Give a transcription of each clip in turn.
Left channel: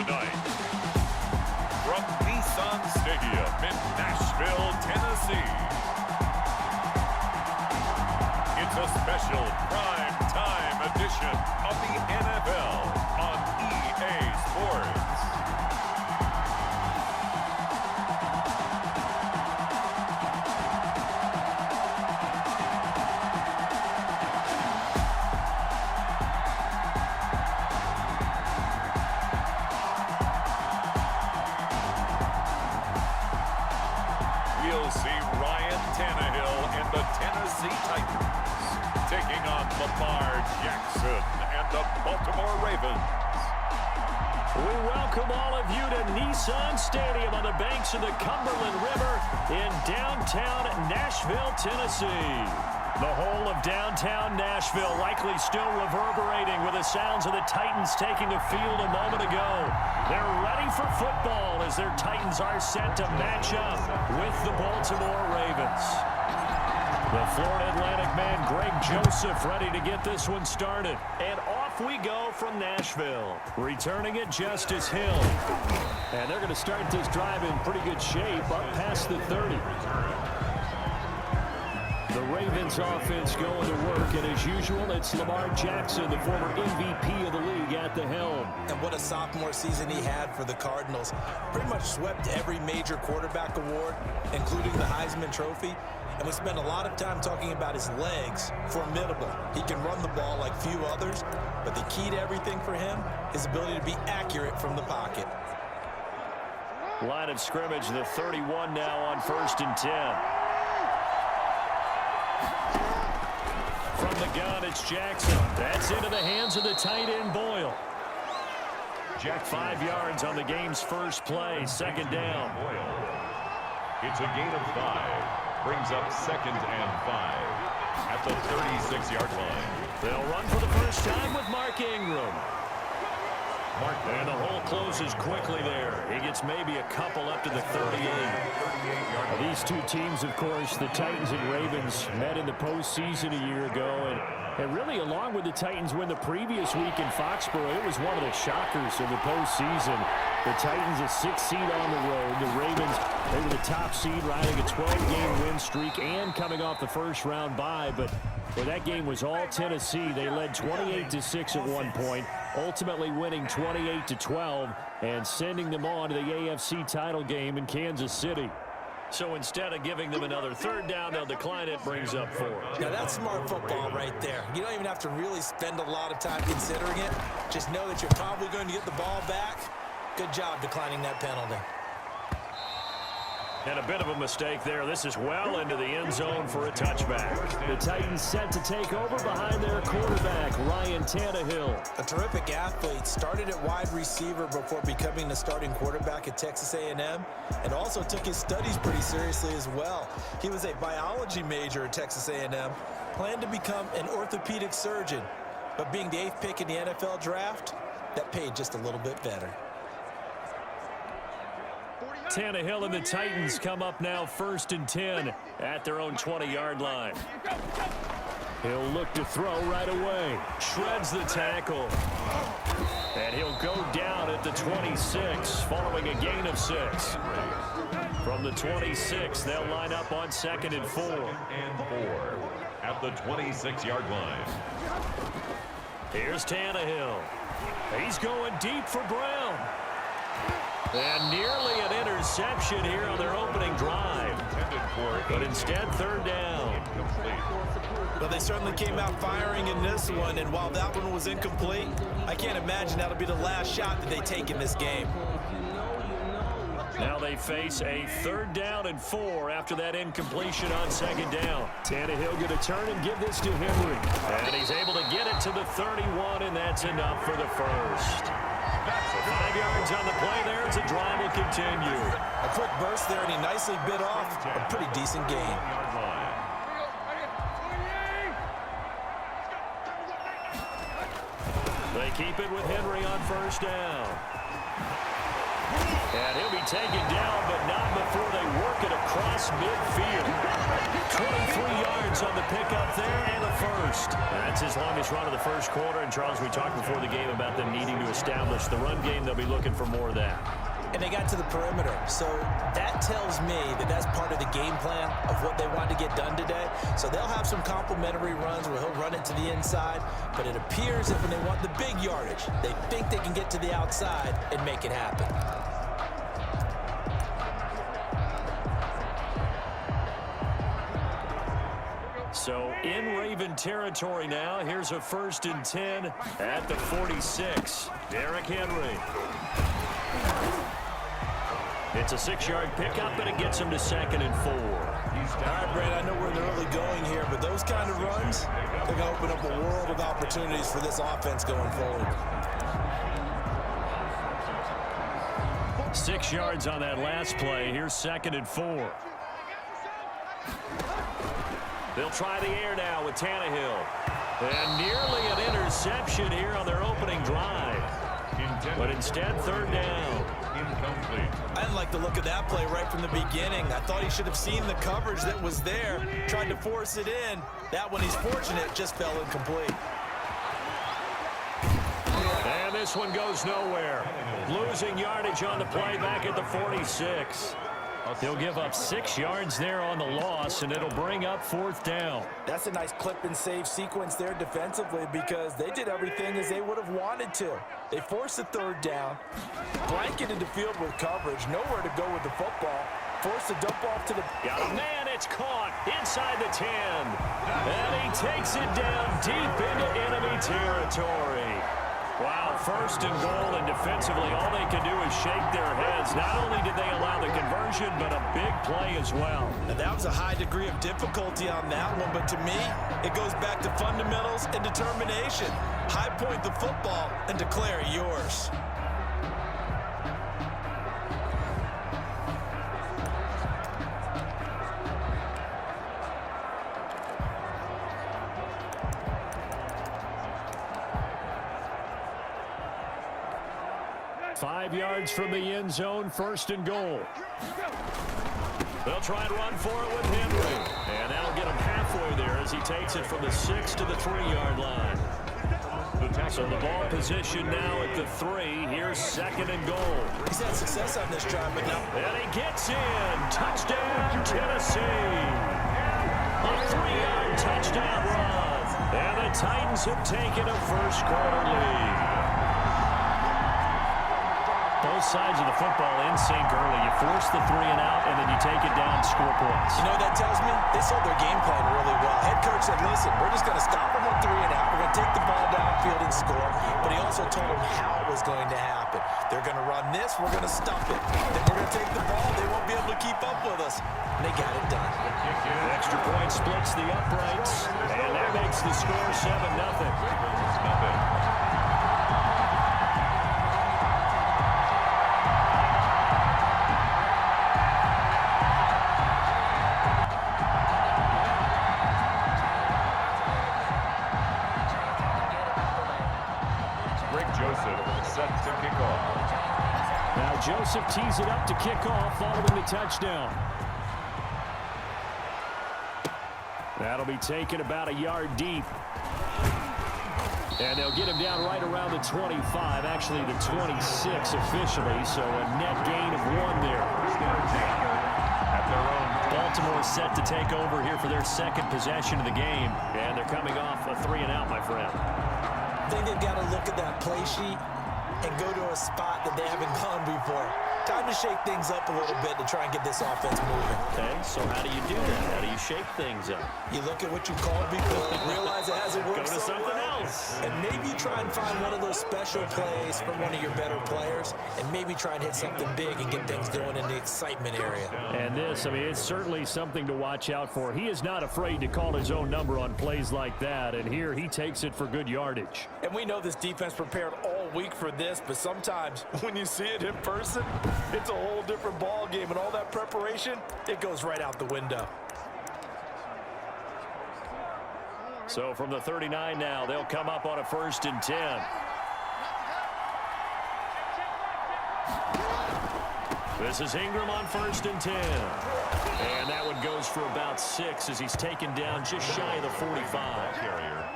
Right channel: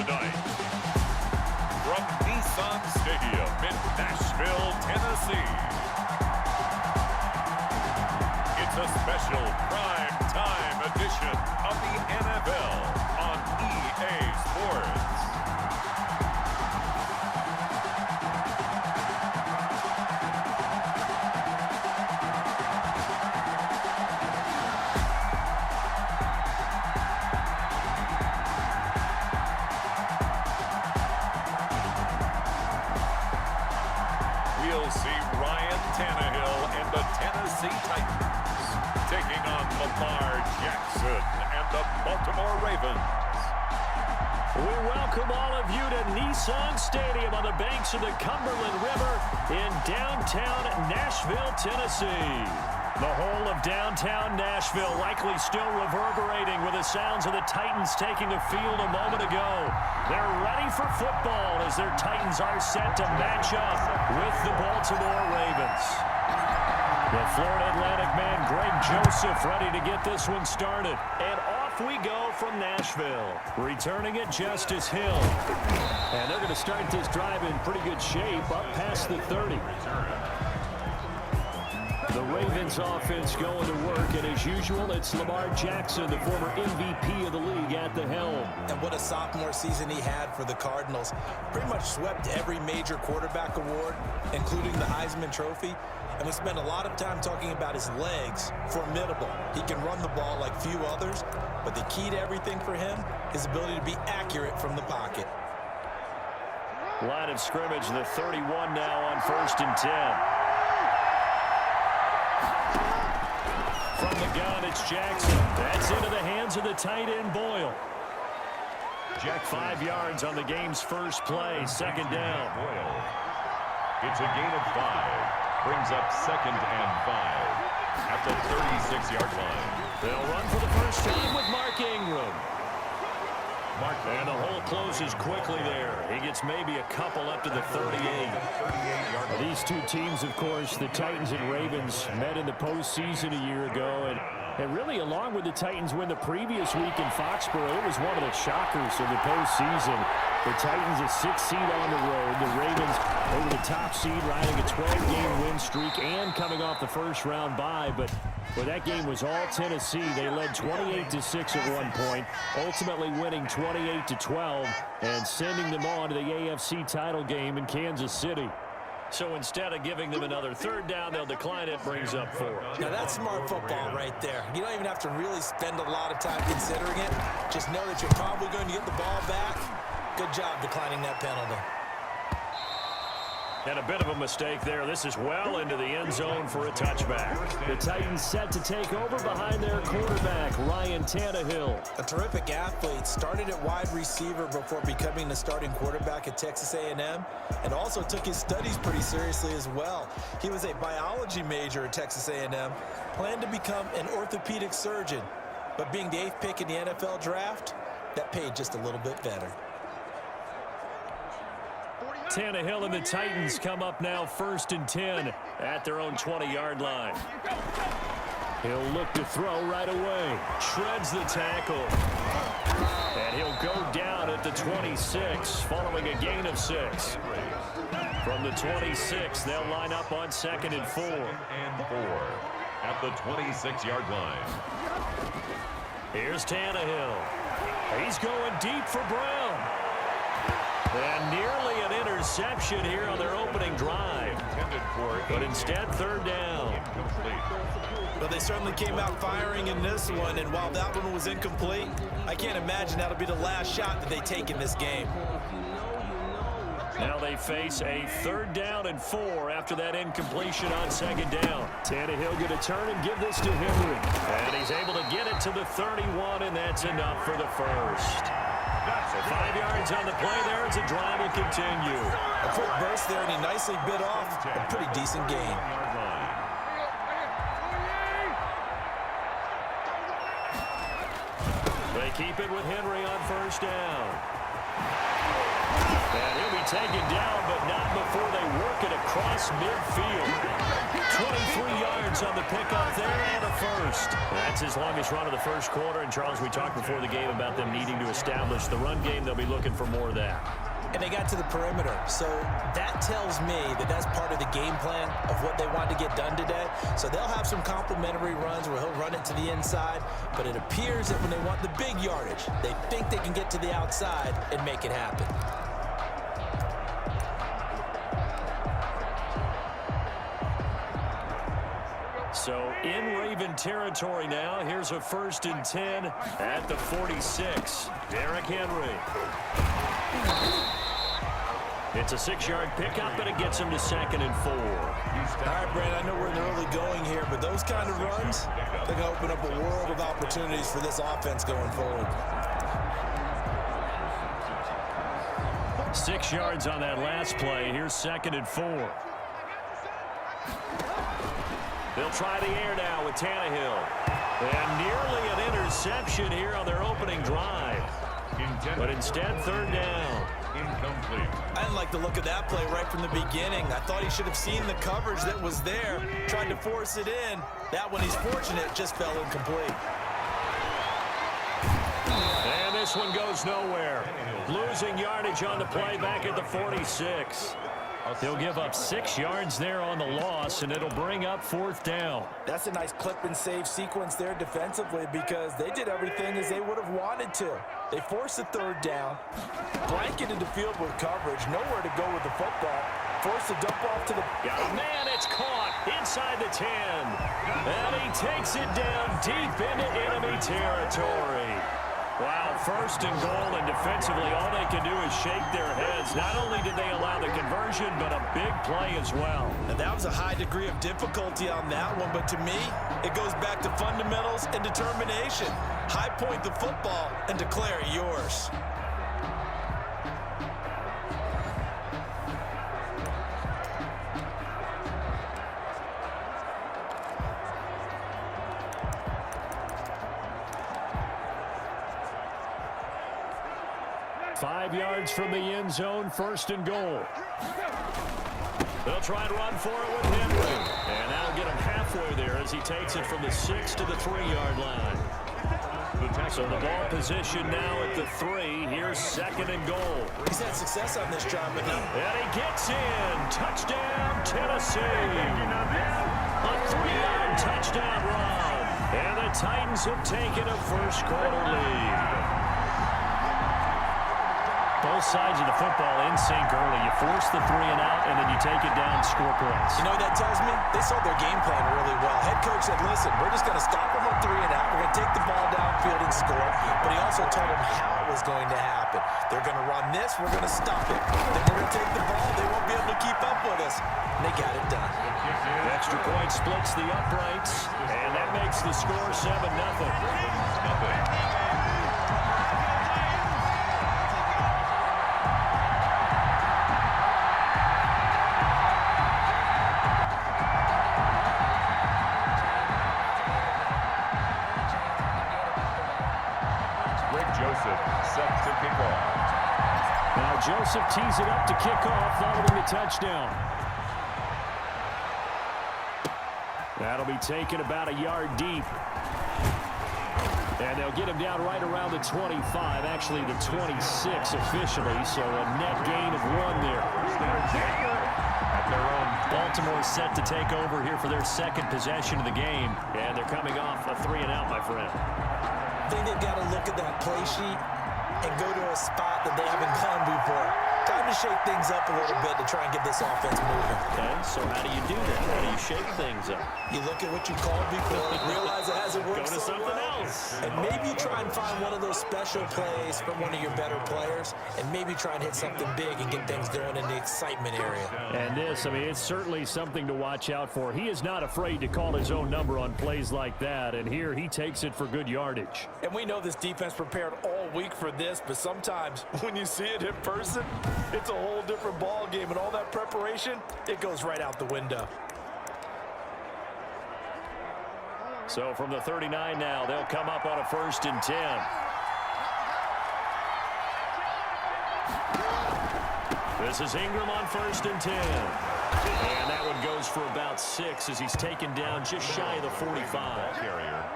Tonight, from Nissan Stadium in Nashville, Tennessee, it's a special prime time edition of the NFL on EA Sports. We'll see Ryan Tannehill and the Tennessee Titans taking on Lamar Jackson and the Baltimore Ravens. We welcome all of you to Nissan Stadium on the banks of the Cumberland River in downtown Nashville, Tennessee. The whole of downtown Nashville likely still reverberating with the sounds of the Titans taking the field a moment ago. They're ready for football as their Titans are set to match up with the Baltimore Ravens. The Florida Atlantic man Greg Joseph ready to get this one started. And off we go from Nashville. Returning it, Justice Hill. And they're going to start this drive in pretty good shape up past the 30. The Ravens offense going to work, and as usual, it's Lamar Jackson, the former MVP of the league, at the helm. And what a sophomore season he had for the Cardinals. Pretty much swept every major quarterback award, including the Heisman Trophy. And we spent a lot of time talking about his legs. Formidable. He can run the ball like few others, but the key to everything for him, his ability to be accurate from the pocket. Line of scrimmage, the 31 now on 1st and 10. From the gun, it's Jackson. That's into the hands of the tight end, Boyle. Jack 5 yards on the game's first play, 2nd down. Boyle. It's a gain of 5. Brings up 2nd and 5 at the 36-yard line. They'll run for the first time with Mark Ingram. And the hole closes quickly there. He gets maybe a couple up to the 38. These two teams, of course, the Titans and Ravens, met in the postseason a year ago. And really, along with the Titans win the previous week in Foxborough, it was one of the shockers of the postseason. The Titans a 6th seed on the road. The Ravens, they were the top seed, riding a 12-game win streak and coming off the first-round bye. But well, that game was all Tennessee. They led 28-6 at one point, ultimately winning 28-12 and sending them on to the AFC title game in Kansas City. So instead of giving them another 3rd down, they'll decline it, brings up 4. Now that's smart football right there. You don't even have to really spend a lot of time considering it. Just know that you're probably going to get the ball back. Good job declining that penalty. And a bit of a mistake there. This is well into the end zone for a touchback. The Titans set to take over behind their quarterback, Ryan Tannehill. A terrific athlete. Started at wide receiver before becoming the starting quarterback at Texas A&M, and also took his studies pretty seriously as well. He was a biology major at Texas A&M, planned to become an orthopedic surgeon, but being the 8th pick in the NFL draft, that paid just a little bit better. Tannehill and the Titans come up now 1st and 10 at their own 20-yard line. He'll look to throw right away. Shreds the tackle. And he'll go down at the 26 following a gain of 6. From the 26, they'll line up on 2nd and 4. 2nd and 4 at the 26-yard line. Here's Tannehill. He's going deep for Brown. And nearly an interception here on their opening drive. But instead, 3rd down. Well, they certainly came out firing in this one, and while that one was incomplete, I can't imagine that'll be the last shot that they take in this game. Now they face a 3rd down and 4 after that incompletion on 2nd down. Tannehill going to turn and give this to Henry. And he's able to get it to the 31, and that's enough for the first. So 5 yards on the play there as the drive will continue. A quick burst there, and he nicely bit off a pretty decent gain. They keep it with Henry on 1st down. And he'll be taken down, but not before they work it across midfield. 23 yards on the pickup there and a first. That's his longest run of the first quarter. And, Charles, we talked before the game about them needing to establish the run game. They'll be looking for more of that. And they got to the perimeter. So that tells me that that's part of the game plan of what they want to get done today. So they'll have some complementary runs where he'll run it to the inside. But it appears that when they want the big yardage, they think they can get to the outside and make it happen. So in Raven territory now. Here's a 1st and 10 at the 46. Derrick Henry. It's a 6-yard pickup, but it gets him to 2nd and 4. All right, Brad, I know we're in the early going here, but those kind of runs, they're going to open up a world of opportunities for this offense going forward. 6 yards on that last play. Here's 2nd and 4. They'll try the air now with Tannehill. And nearly an interception here on their opening drive. But instead, 3rd down. Incomplete. I didn't like the look of that play right from the beginning. I thought he should have seen the coverage that was there, tried to force it in. That one, he's fortunate, just fell incomplete. And this one goes nowhere. Losing yardage on the play back at the 46. He'll give up 6 yards there on the loss, and it'll bring up 4th down. That's a nice clip and save sequence there defensively because they did everything as they would have wanted to. They forced the 3rd down, blanketed the field with coverage, nowhere to go with the football, forced to dump off to the... Got a man, it's caught inside the 10. And he takes it down deep into enemy territory. Wow, 1st and goal, and defensively all they can do is shake their heads. Not only did they allow the conversion, but a big play as well. Now that was a high degree of difficulty on that one, but to me, it goes back to fundamentals and determination. High point the football and declare it yours. Five yards from the end zone, 1st and goal. They'll try and run for it with Henry. And that'll get him halfway there as he takes it from the 6 to the 3-yard line. So the ball position now at the 3. Here's 2nd and goal. He's had success on this drive, but now... And he gets in. Touchdown, Tennessee. A 3-yard touchdown run. And the Titans have taken a first quarter lead. Both sides of the football in sync early. You force the 3 and out, and then you take it down, score points. You know what that tells me? They sold their game plan really well. Head coach said, listen, we're just going to stop them on 3 and out. We're going to take the ball downfield and score. But he also told them how it was going to happen. They're going to run this. We're going to stop it. Then we're going to take the ball. They won't be able to keep up with us. And they got it done. Extra point splits the uprights, and that makes the score 7-0. Joseph set to kick off. Now Joseph tees it up to kick off, following the touchdown. That'll be taken about a yard deep. And they'll get him down right around the 25, actually the 26 officially, so a net gain of 1 there. At their own. Baltimore set to take over here for their 2nd possession of the game, and they're coming off a 3 and out, my friend. I think they've got to look at that play sheet and go to a spot that they haven't gone before. Time to shake things up a little bit to try and get this offense moving. Okay, so how do you do that? How do you shake things up? You look at what you called before, realize it hasn't worked Go to so something well, else. and maybe try and find one of those special plays from one of your better players, and maybe try and hit something big and get things going in the excitement area. And this, I mean, it's certainly something to watch out for. He is not afraid to call his own number on plays like that, and here he takes it for good yardage. And we know this defense prepared all week for this, but sometimes when you see it in person, it's a whole different ball game, and all that preparation, it goes right out the window. So from the 39 now, they'll come up on a 1st and 10. This is Ingram on 1st and 10. And that one goes for about 6 as he's taken down just shy of the 45.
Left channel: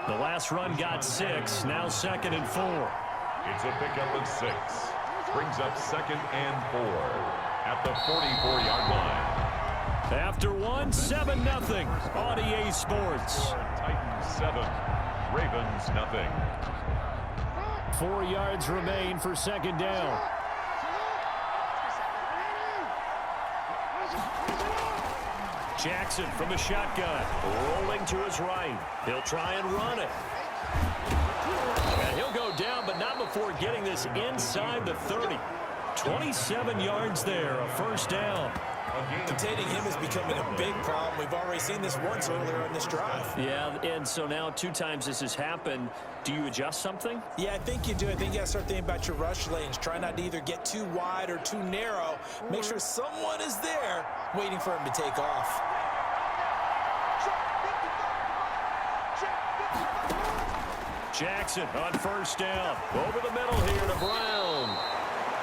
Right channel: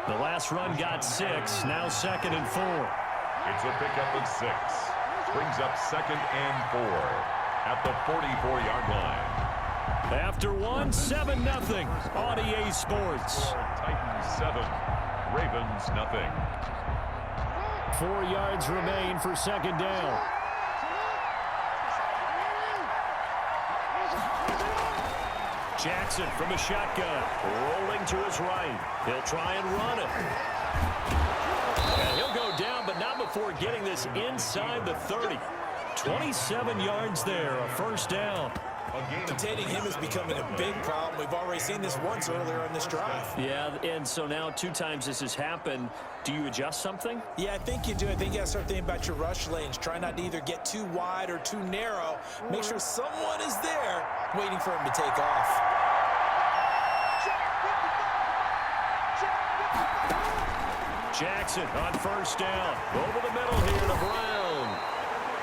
The last run got 6, now 2nd and 4. It's a pickup of 6. Brings up 2nd and 4 at the 44-yard line. After 1, 7-0 on EA Sports. Titans 7, Ravens nothing. 4 yards remain for 2nd down. Jackson from the shotgun, rolling to his right. He'll try and run it. And he'll go down, but not before getting this inside the 30. 27 yards there, a 1st down. Containing him is becoming a big problem. We've already seen this once earlier in this drive. Yeah, and so now 2 times this has happened. Do you adjust something? Yeah, I think you do. I think you got to start thinking about your rush lanes. Try not to either get too wide or too narrow. Make sure someone is there waiting for him to take off. Jackson on 1st down. Over the middle here to Brown.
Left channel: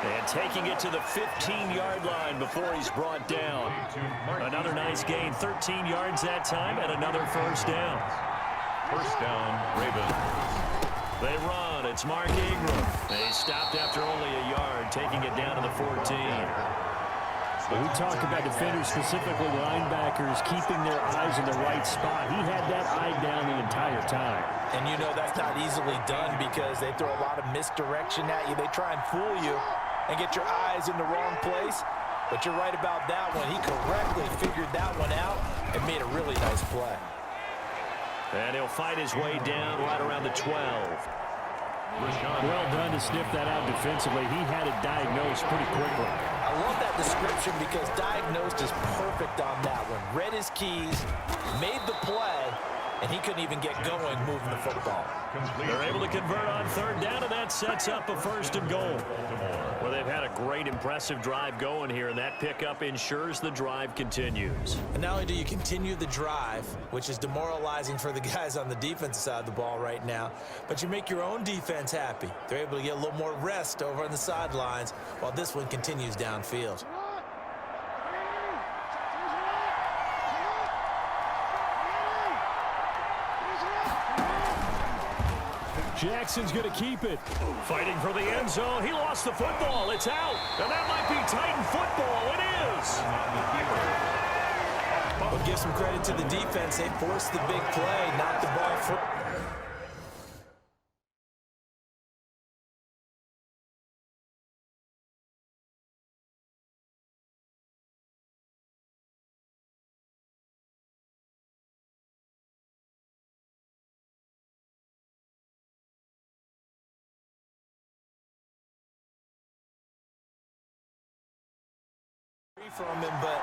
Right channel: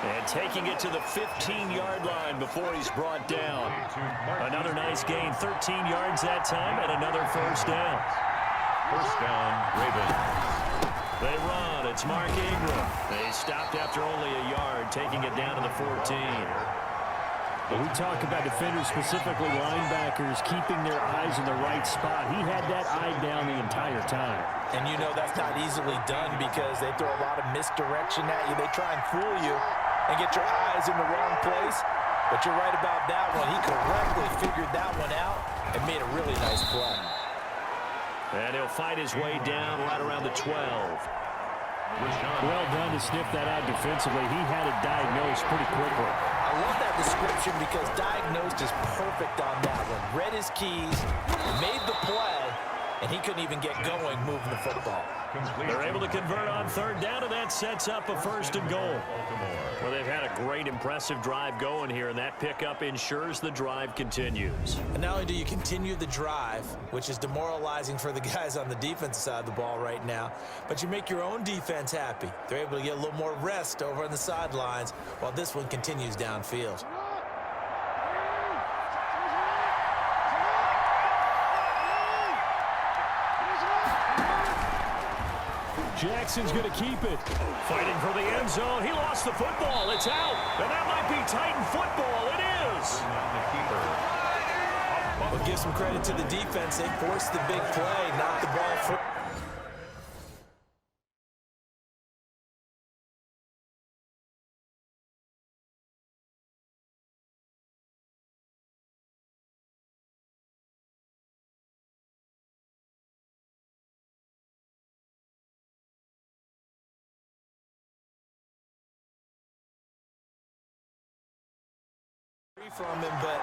And taking it to the 15-yard line before he's brought down. Another nice gain, 13 yards that time, and another 1st down. 1st down, Ravens. They run. It's Mark Ingram. They stopped after only a yard, taking it down to the 14. When we talk about defenders, specifically linebackers, keeping their eyes in the right spot, he had that eye down the entire time. And you know that's not easily done because they throw a lot of misdirection at you. They try and fool you and get your eyes in the wrong place. But you're right about that one. He correctly figured that one out and made a really nice play. And he'll fight his way down right around the 12. Well done to sniff that out defensively. He had it diagnosed pretty quickly. I love that description because diagnosed is perfect on that one. Read his keys, made the play, and he couldn't even get going moving the football. They're able to convert on 3rd down, and that sets up a 1st and goal. Well, they've had a great, impressive drive going here, and that pickup ensures the drive continues. And not only do you continue the drive, which is demoralizing for the guys on the defensive side of the ball right now, but you make your own defense happy. They're able to get a little more rest over on the sidelines while this one continues downfield. Jackson's going to keep it. Fighting for the end zone. He lost the football. It's out. And that might be Titan football. It is. But give some credit to the defense. They forced the big play, knocked the ball free. From him, but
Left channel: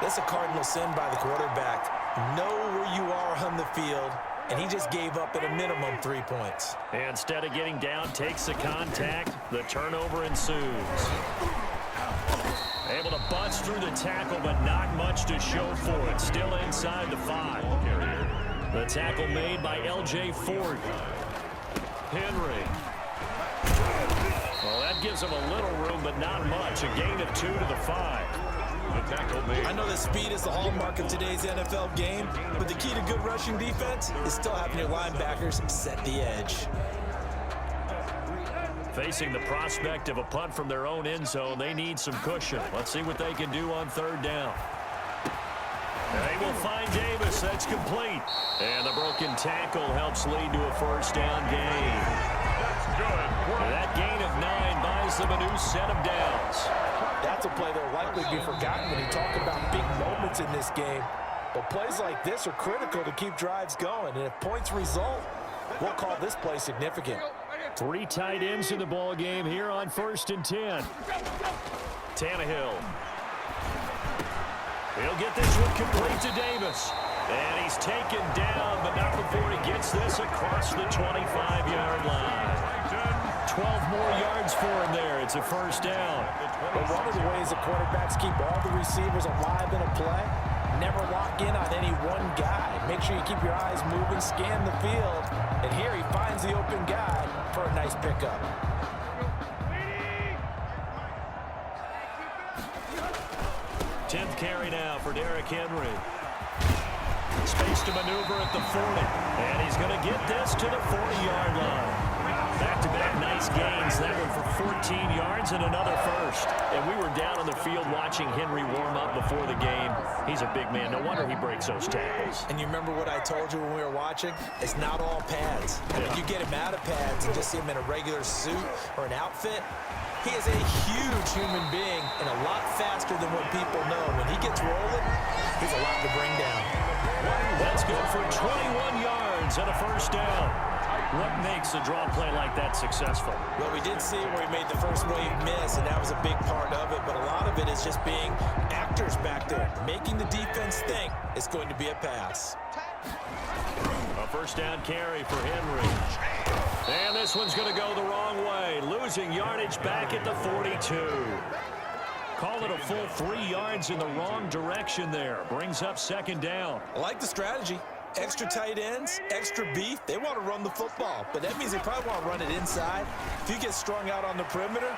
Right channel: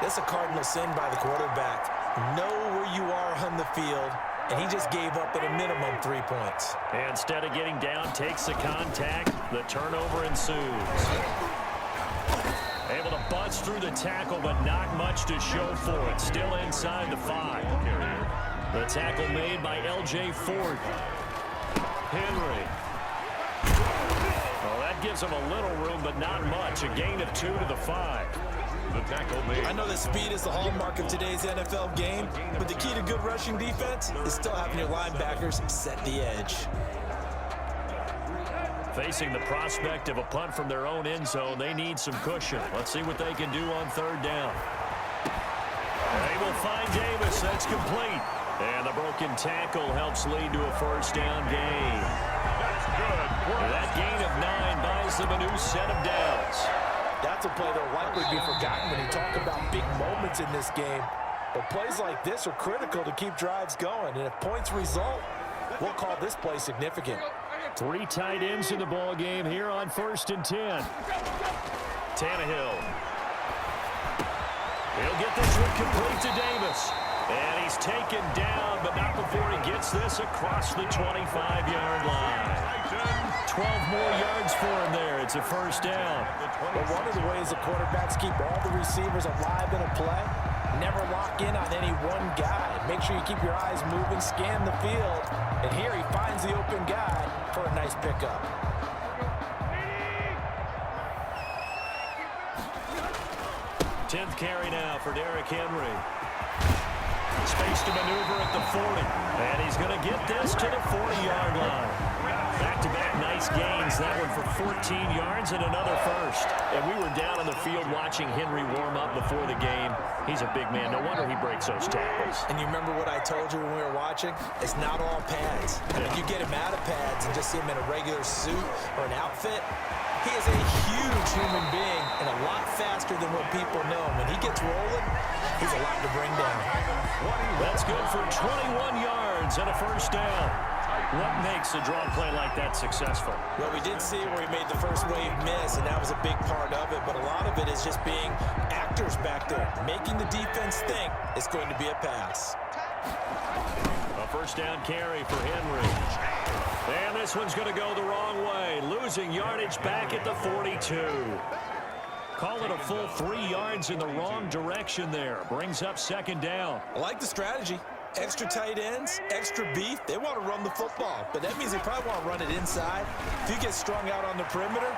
that's a cardinal sin by the quarterback. Know where you are on the field, and he just gave up at a minimum 3 points. Instead of getting down, takes the contact. The turnover ensues. Able to bust through the tackle, but not much to show for it. Still inside the 5. The tackle made by L.J. Ford. Henry. Well, that gives him a little room, but not much. A gain of 2 to the 5. The tackle made. I know that speed is the hallmark of today's NFL game, but the key to good rushing defense is still having your linebackers set the edge. Facing the prospect of a punt from their own end zone, they need some cushion. Let's see what they can do on 3rd down. They will find Davis. That's complete. And the broken tackle helps lead to a 1st down gain. That's good. That gain of 9 buys them a new set of downs. That's a play that will likely be forgotten when you talk about big moments in this game. But plays like this are critical to keep drives going. And if points result, we'll call this play significant. 3 tight ends in the ball game here on 1st and 10. Tannehill. He'll get this one complete to Davis. And he's taken down, but not before he gets this across the 25-yard line. 12 more yards for him there. It's a 1st down. But one of the ways that quarterbacks keep all the receivers alive in a play, never lock in on any one guy. Make sure you keep your eyes moving, scan the field, and here he finds the open guy for a nice pickup. 10th carry now for Derrick Henry. Space to maneuver at the 40. And he's going to get this to the 40-yard line. Back-to-back nice gains. That one for 14 yards and another first. And we were down on the field watching Henry warm up before the game. He's a big man. No wonder he breaks those tackles. And you remember what I told you when we were watching? It's not all pads. Yeah. If you get him out of pads and just see him in a regular suit or an outfit, he is a huge human being and a lot faster than what people know. When he gets rolling, he's a lot to bring down. That's good for 21 yards and a first down. What makes a draw play like that successful? Well, we did see where he made the first wave miss, and that was a big part of it. But a lot of it is just being actors back there, making the defense think it's going to be a pass. A first down carry for Henry. And this one's going to go the wrong way. Losing yardage back at the 42. Call it a full 3 yards in the wrong direction there. Brings up second down. I like the strategy. Extra tight ends, extra beef. They want to run the football, but that means they probably want to run it inside. If you get strung out on the perimeter,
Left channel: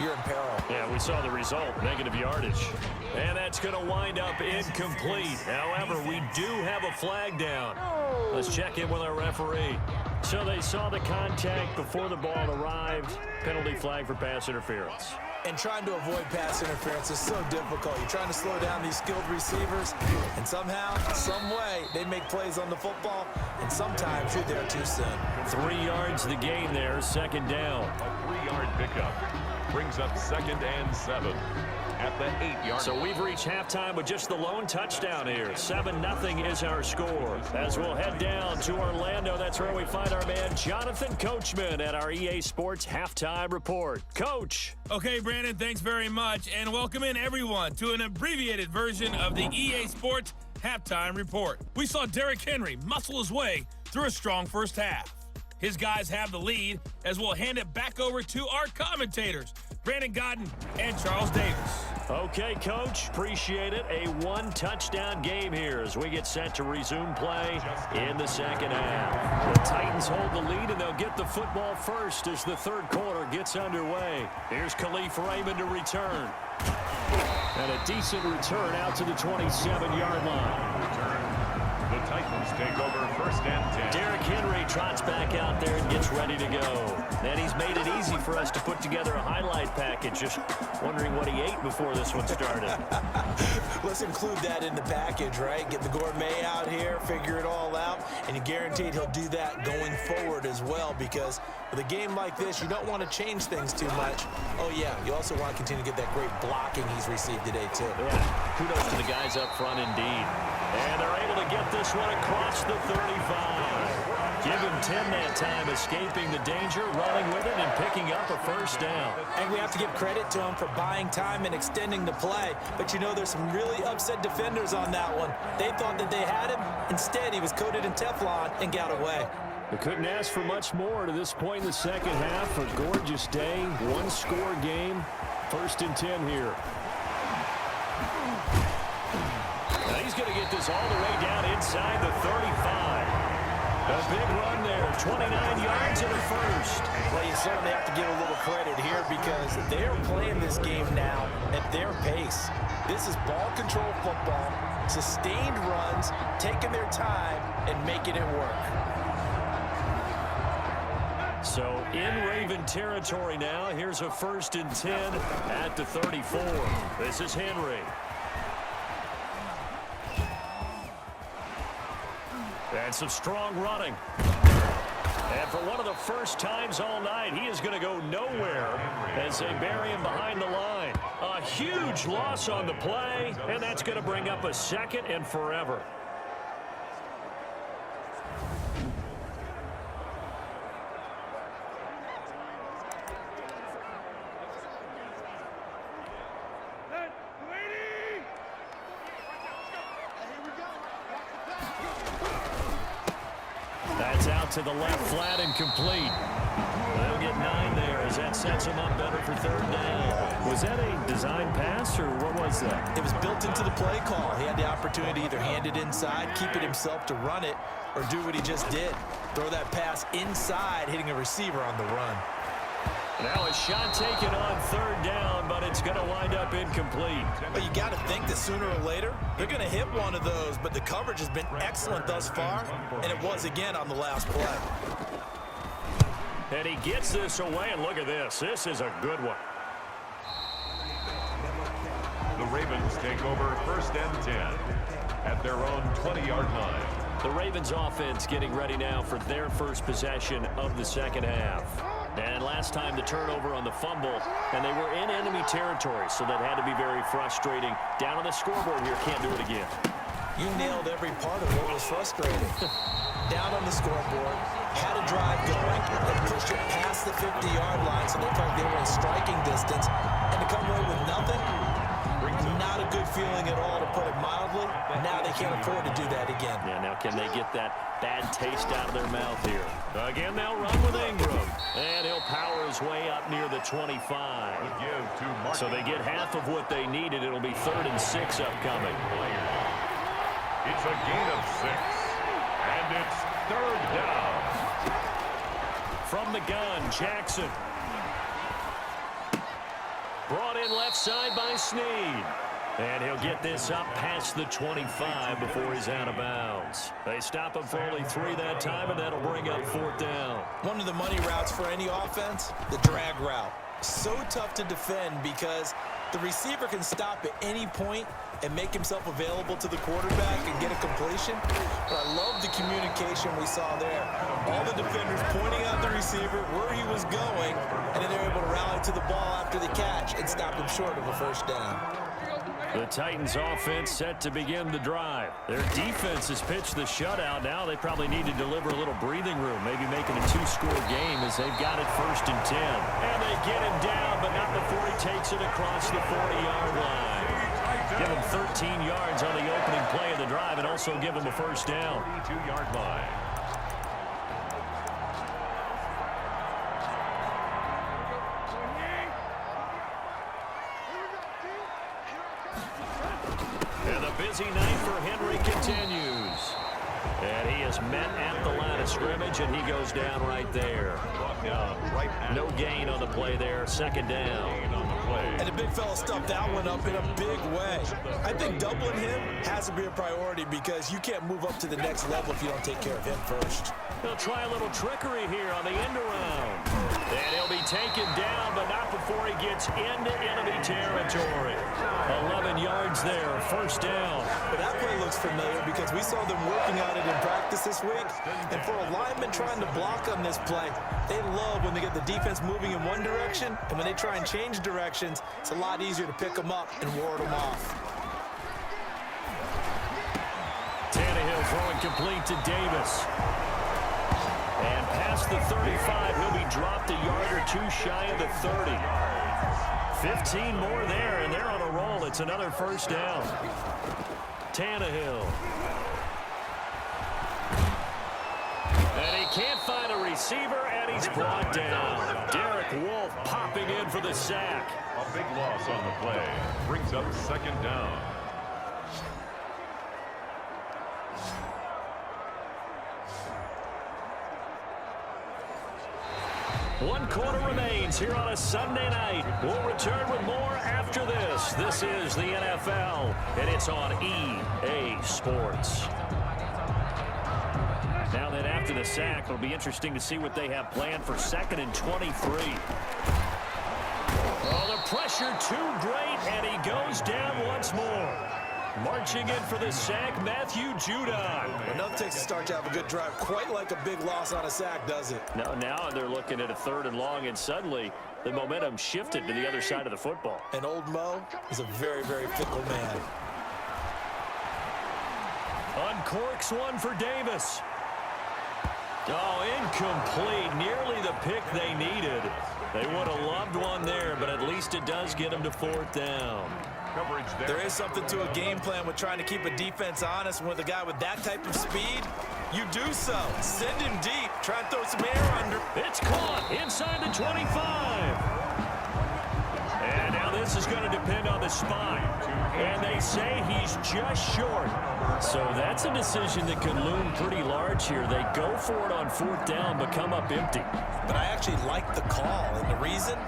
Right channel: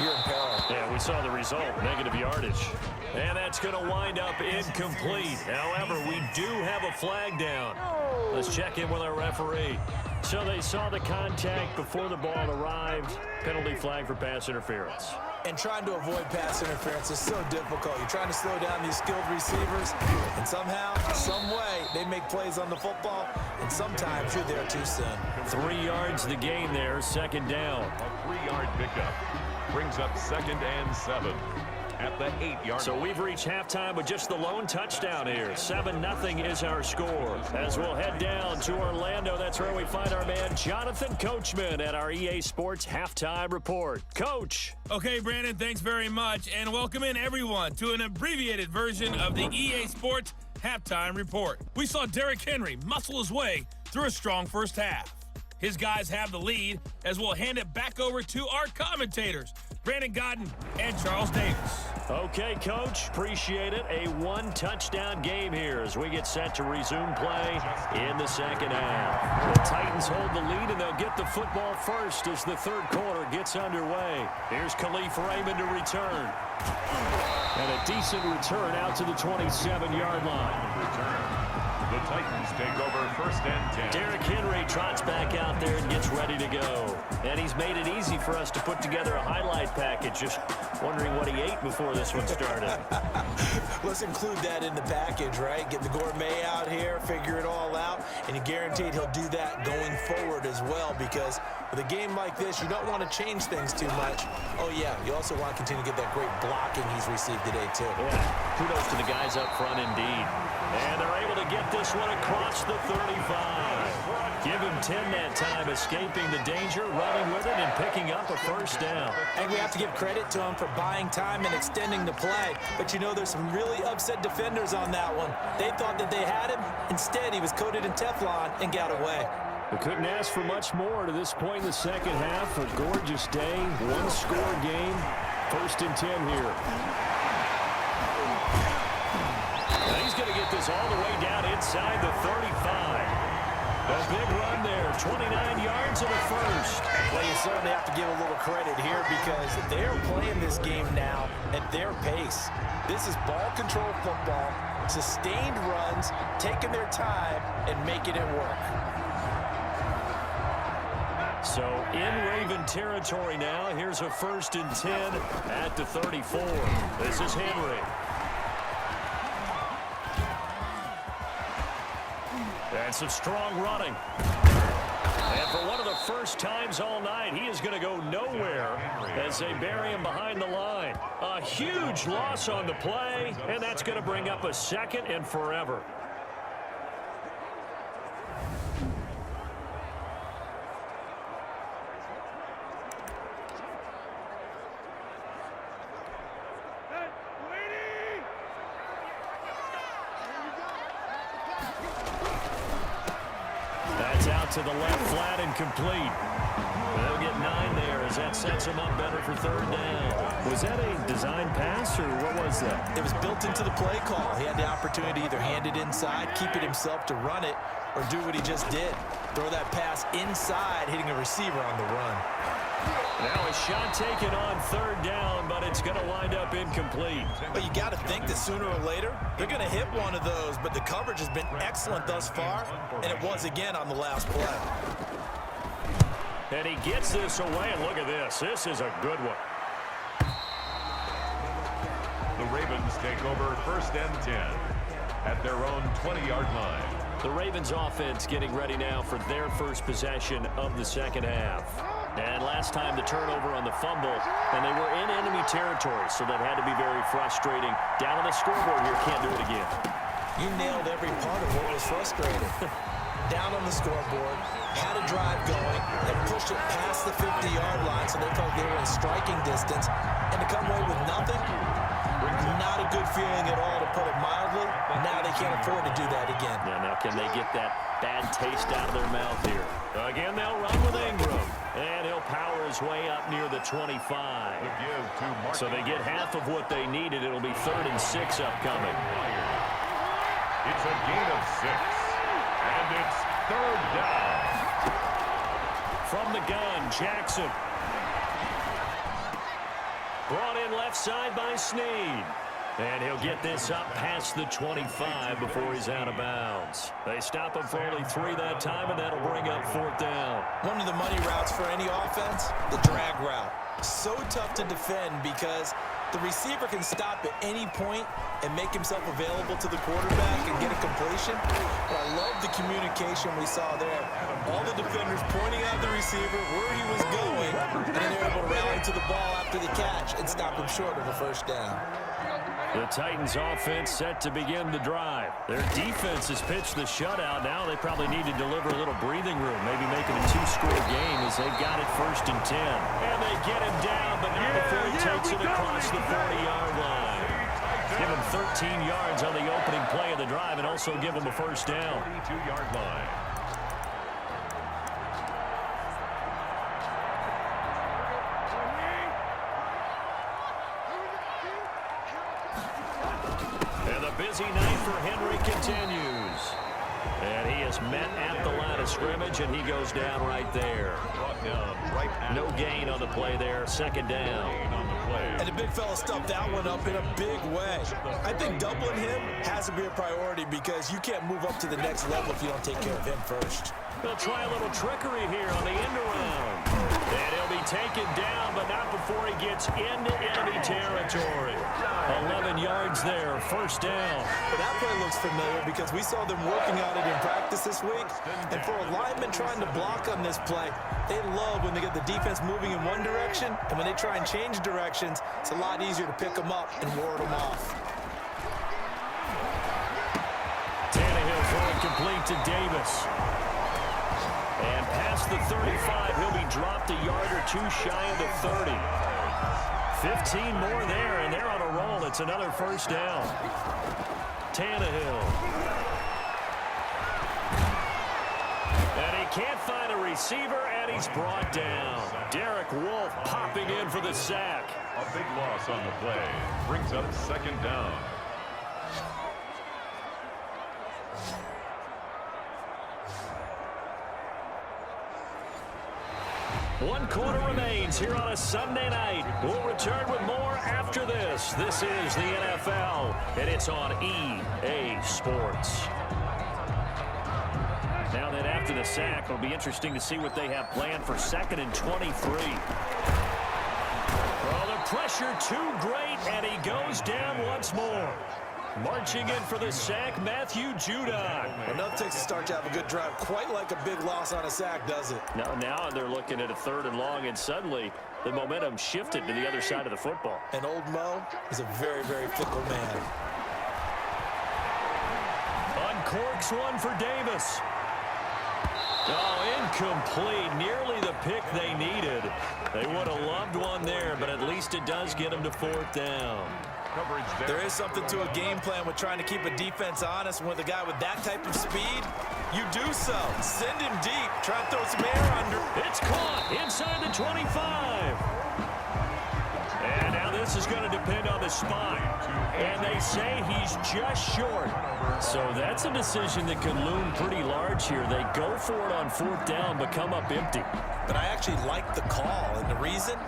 you're in peril. Yeah, we saw the result, negative yardage. And that's going to wind up incomplete. However, we do have a flag down. Let's check in with our referee. So they saw the contact before the ball arrived. Penalty flag for pass interference. And trying to avoid pass interference is so difficult. You're trying to slow down these skilled receivers, and somehow, some way, they make plays on the football, and sometimes you're there too soon. 3 yards the gain there, second down. A 3-yard pickup brings up 2nd and 7 at the 8-yard. So we've reached halftime with just the lone touchdown here. 7-0 is our score. As we'll head down to Orlando, that's where we find our man Jonathan Coachman at our EA Sports Halftime Report. Coach. Okay, Brandon, thanks very much, and welcome in everyone to an abbreviated version of the EA Sports Halftime Report. We saw Derrick Henry muscle his way through a strong first half. His guys have the lead as we'll hand it back over to our commentators, Brandon Godden and Charles Davis. Okay, Coach, appreciate it. A one-touchdown game here as we get set to resume play in the second half. The Titans hold the lead, and they'll get the football first as the third quarter gets underway. Here's Khalif Raymond to return. And a decent return out to the 27-yard line. Return. The Titans take over 1st and 10. Derrick Henry trots back out there and gets ready to go. And he's made it easy for us to put together a highlight package. Just wondering what he ate before this one started. Let's include that in the package, right? Get the gourmet out here, figure it all out, and you're guaranteed he'll do that going forward as well, because with a game like this, you don't want to change things too much. Oh, yeah, you also want to continue to get that great blocking he's received today, too. Yeah, kudos to the guys up front indeed. And they're able to get this one across the 35. Give him 10 that time, escaping the danger, running with it, and picking up a first down. And we have to give credit to him for buying time and extending the play. But you know, there's some really upset defenders on that one. They thought that they had him. Instead, he was coated in Teflon and got away. We couldn't ask for much more to this point in the second half. A gorgeous day, one-score game. 1st and 10 here. Now he's going to get this all the way down inside the 35. A big run there, 29 yards and a first. Well, you certainly have to give a little credit here because they're playing this game now at their pace. This is ball control football, sustained runs, taking their time and making it work. So in Raven territory now, here's a 1st and 10 at the 34. This is Henry. And some strong running. And for one of the first times all night, he is going to go nowhere as they bury him behind the line. A huge loss on the play, and that's going to bring up a 2nd and forever. That's out to the left, flat and complete. They'll get 9 there as that sets them up better for 3rd down. Was that a design pass, or what was that? It was built into the play call. He had the opportunity to either hand it inside, keep it himself to run it, or do what he just did. Throw that pass inside, hitting a receiver on the run. Now a shot taken on third down, but it's going to wind up incomplete. But you got to think that sooner or later, they're going to hit one of those, but the coverage has been excellent thus far, and it was again on the last play. And he gets this away, and look at this. This is a good one. The Ravens take over 1st and 10 at their own 20-yard line. The Ravens offense getting ready now for their first possession of the second half. And last time the turnover on the fumble, and they were in enemy territory, so that had to be very frustrating. Down on the scoreboard here, can't do it again. You nailed every part of what was frustrating. Down on the scoreboard, had a drive going, and pushed it past the 50-yard line, so they felt like they were in striking distance, and to come away with nothing, not a good feeling at all, to put it mildly. Now they can't afford to do that again. Yeah, now can they get that bad taste out of their mouth here? Again, they'll run with Ingram, and he'll power his way up near the 25. So they get half of what they needed. It'll be 3rd and 6 upcoming. It's a gain of 6, and it's 3rd down. From the gun, Jackson. Brought in left side by Snead. And he'll get this up past the 25 before he's out of bounds. They stop him for only 3 that time, and that'll bring up 4th down. One of the money routes for any offense, the drag route. So tough to defend because the receiver can stop at any point and make himself available to the quarterback and get a completion. But I love the communication we saw there. All the defenders pointing out the receiver where he was going, and then they're able to rally to the ball after the catch and stop him short of a 1st down. The Titans offense set to begin the drive. Their defense has pitched the shutout. Now they probably need to deliver a little breathing room, maybe make it a 2-score game as they've got it 1st and 10. And they get him down, but not before he takes it across the 40-yard line. Give him 13 yards on the opening play of the drive and also give him a 1st down. 42-yard line. And the busy night for Henry continues. And he is met at the line of scrimmage, and he goes down right there. No gain on the play there. 2nd down. And the big fella stuffed that one up in a big way. I think doubling him has to be a priority because you can't move up to the next level if you don't take care of him first. They'll try a little trickery here on the end around. And he'll be taken down, but not before he gets into enemy territory. 11 yards there, 1st down. But that play looks familiar because we saw them working on it in practice this week. And for a lineman trying to block on this play, they love when they get the defense moving in one direction. And when they try and change directions, it's a lot easier to pick them up and ward them off. Tannehill throwing complete to Davis. And past the 35, he'll be dropped a yard or 2 shy of the 30. 15 more there, and they're on a roll. It's another 1st down. Tannehill. And he can't find a receiver, and he's brought down. Derek Wolfe popping in for the sack. A big loss on the play. Brings up 2nd down. One quarter remains here on a Sunday night. We'll return with more after this. This is the NFL, and it's on EA Sports. Now that after the sack, it'll be interesting to see what they have planned for 2nd and 23. Oh, the pressure too great, and he goes down once more. Marching in for the sack, Matthew Judon. Well, nothing takes a start to have a good drive, quite like a big loss on a sack, does it? Now they're looking at a 3rd and long, and suddenly the momentum shifted to the other side of the football. And old Mo is a very, very fickle man. Uncorks one for Davis. Oh, incomplete. Nearly the pick they needed. They would have loved one there, but at least it does get them to 4th down. There is something to a game plan with trying to keep a defense honest, and with a guy with that type of speed, you do so. Send him deep. Try and throw some air under. It's caught inside the 25. And now this is going to depend on the spot. And they say he's just short. So that's a decision that could loom pretty large here. They go for it on 4th down, but come up empty. But I actually like the call, and the reason?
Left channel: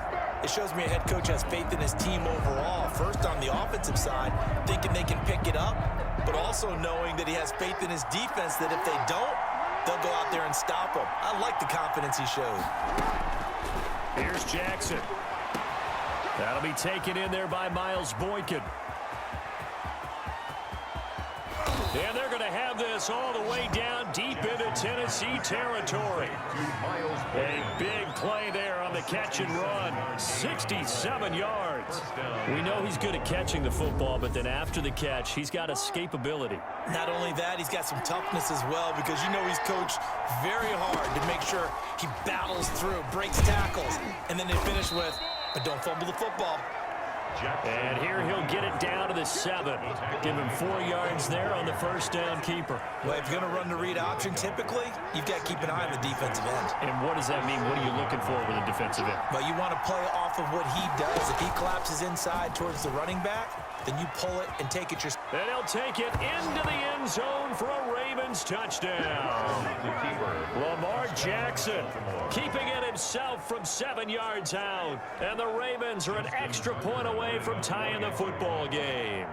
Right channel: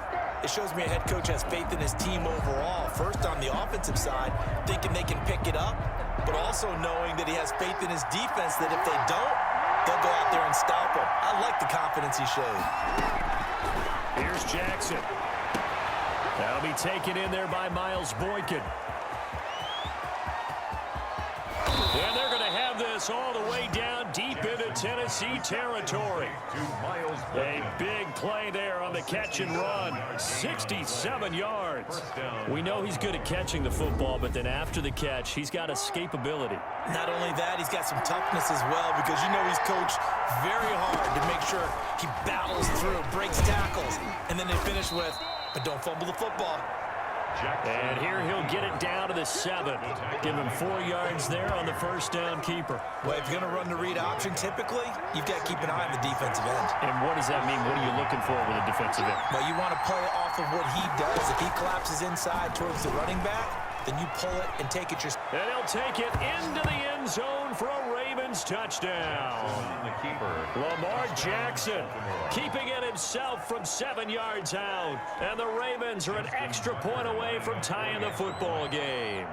It shows me a head coach has faith in his team overall. First, on the offensive side, thinking they can pick it up, but also knowing that he has faith in his defense that if they don't, they'll go out there and stop them. I like the confidence he showed. Here's Jackson. That'll be taken in there by Miles Boykin. And they're going to have this all the way down deep into Tennessee territory. A big play there on the catch and run. 67 yards. We know he's good at catching the football, but then after the catch, he's got escapability. Not only that, he's got some toughness as well, because you know he's coached very hard to make sure he battles through, breaks tackles, and then they finish with, but don't fumble the football. And here he'll get it down to the 7. Give him 4 yards there on the first down keeper. Well, if you're going to run the read option, typically, you've got to keep an eye on the defensive end. And what does that mean? What are you looking for with a defensive end? Well, you want to play off of what he does. If he collapses inside towards the running back, then you pull it and take it yourself. And he'll take it into the end zone for a Ravens touchdown. Lamar Jackson keeping it himself from 7 yards out. And the Ravens are an extra point away from tying the football game.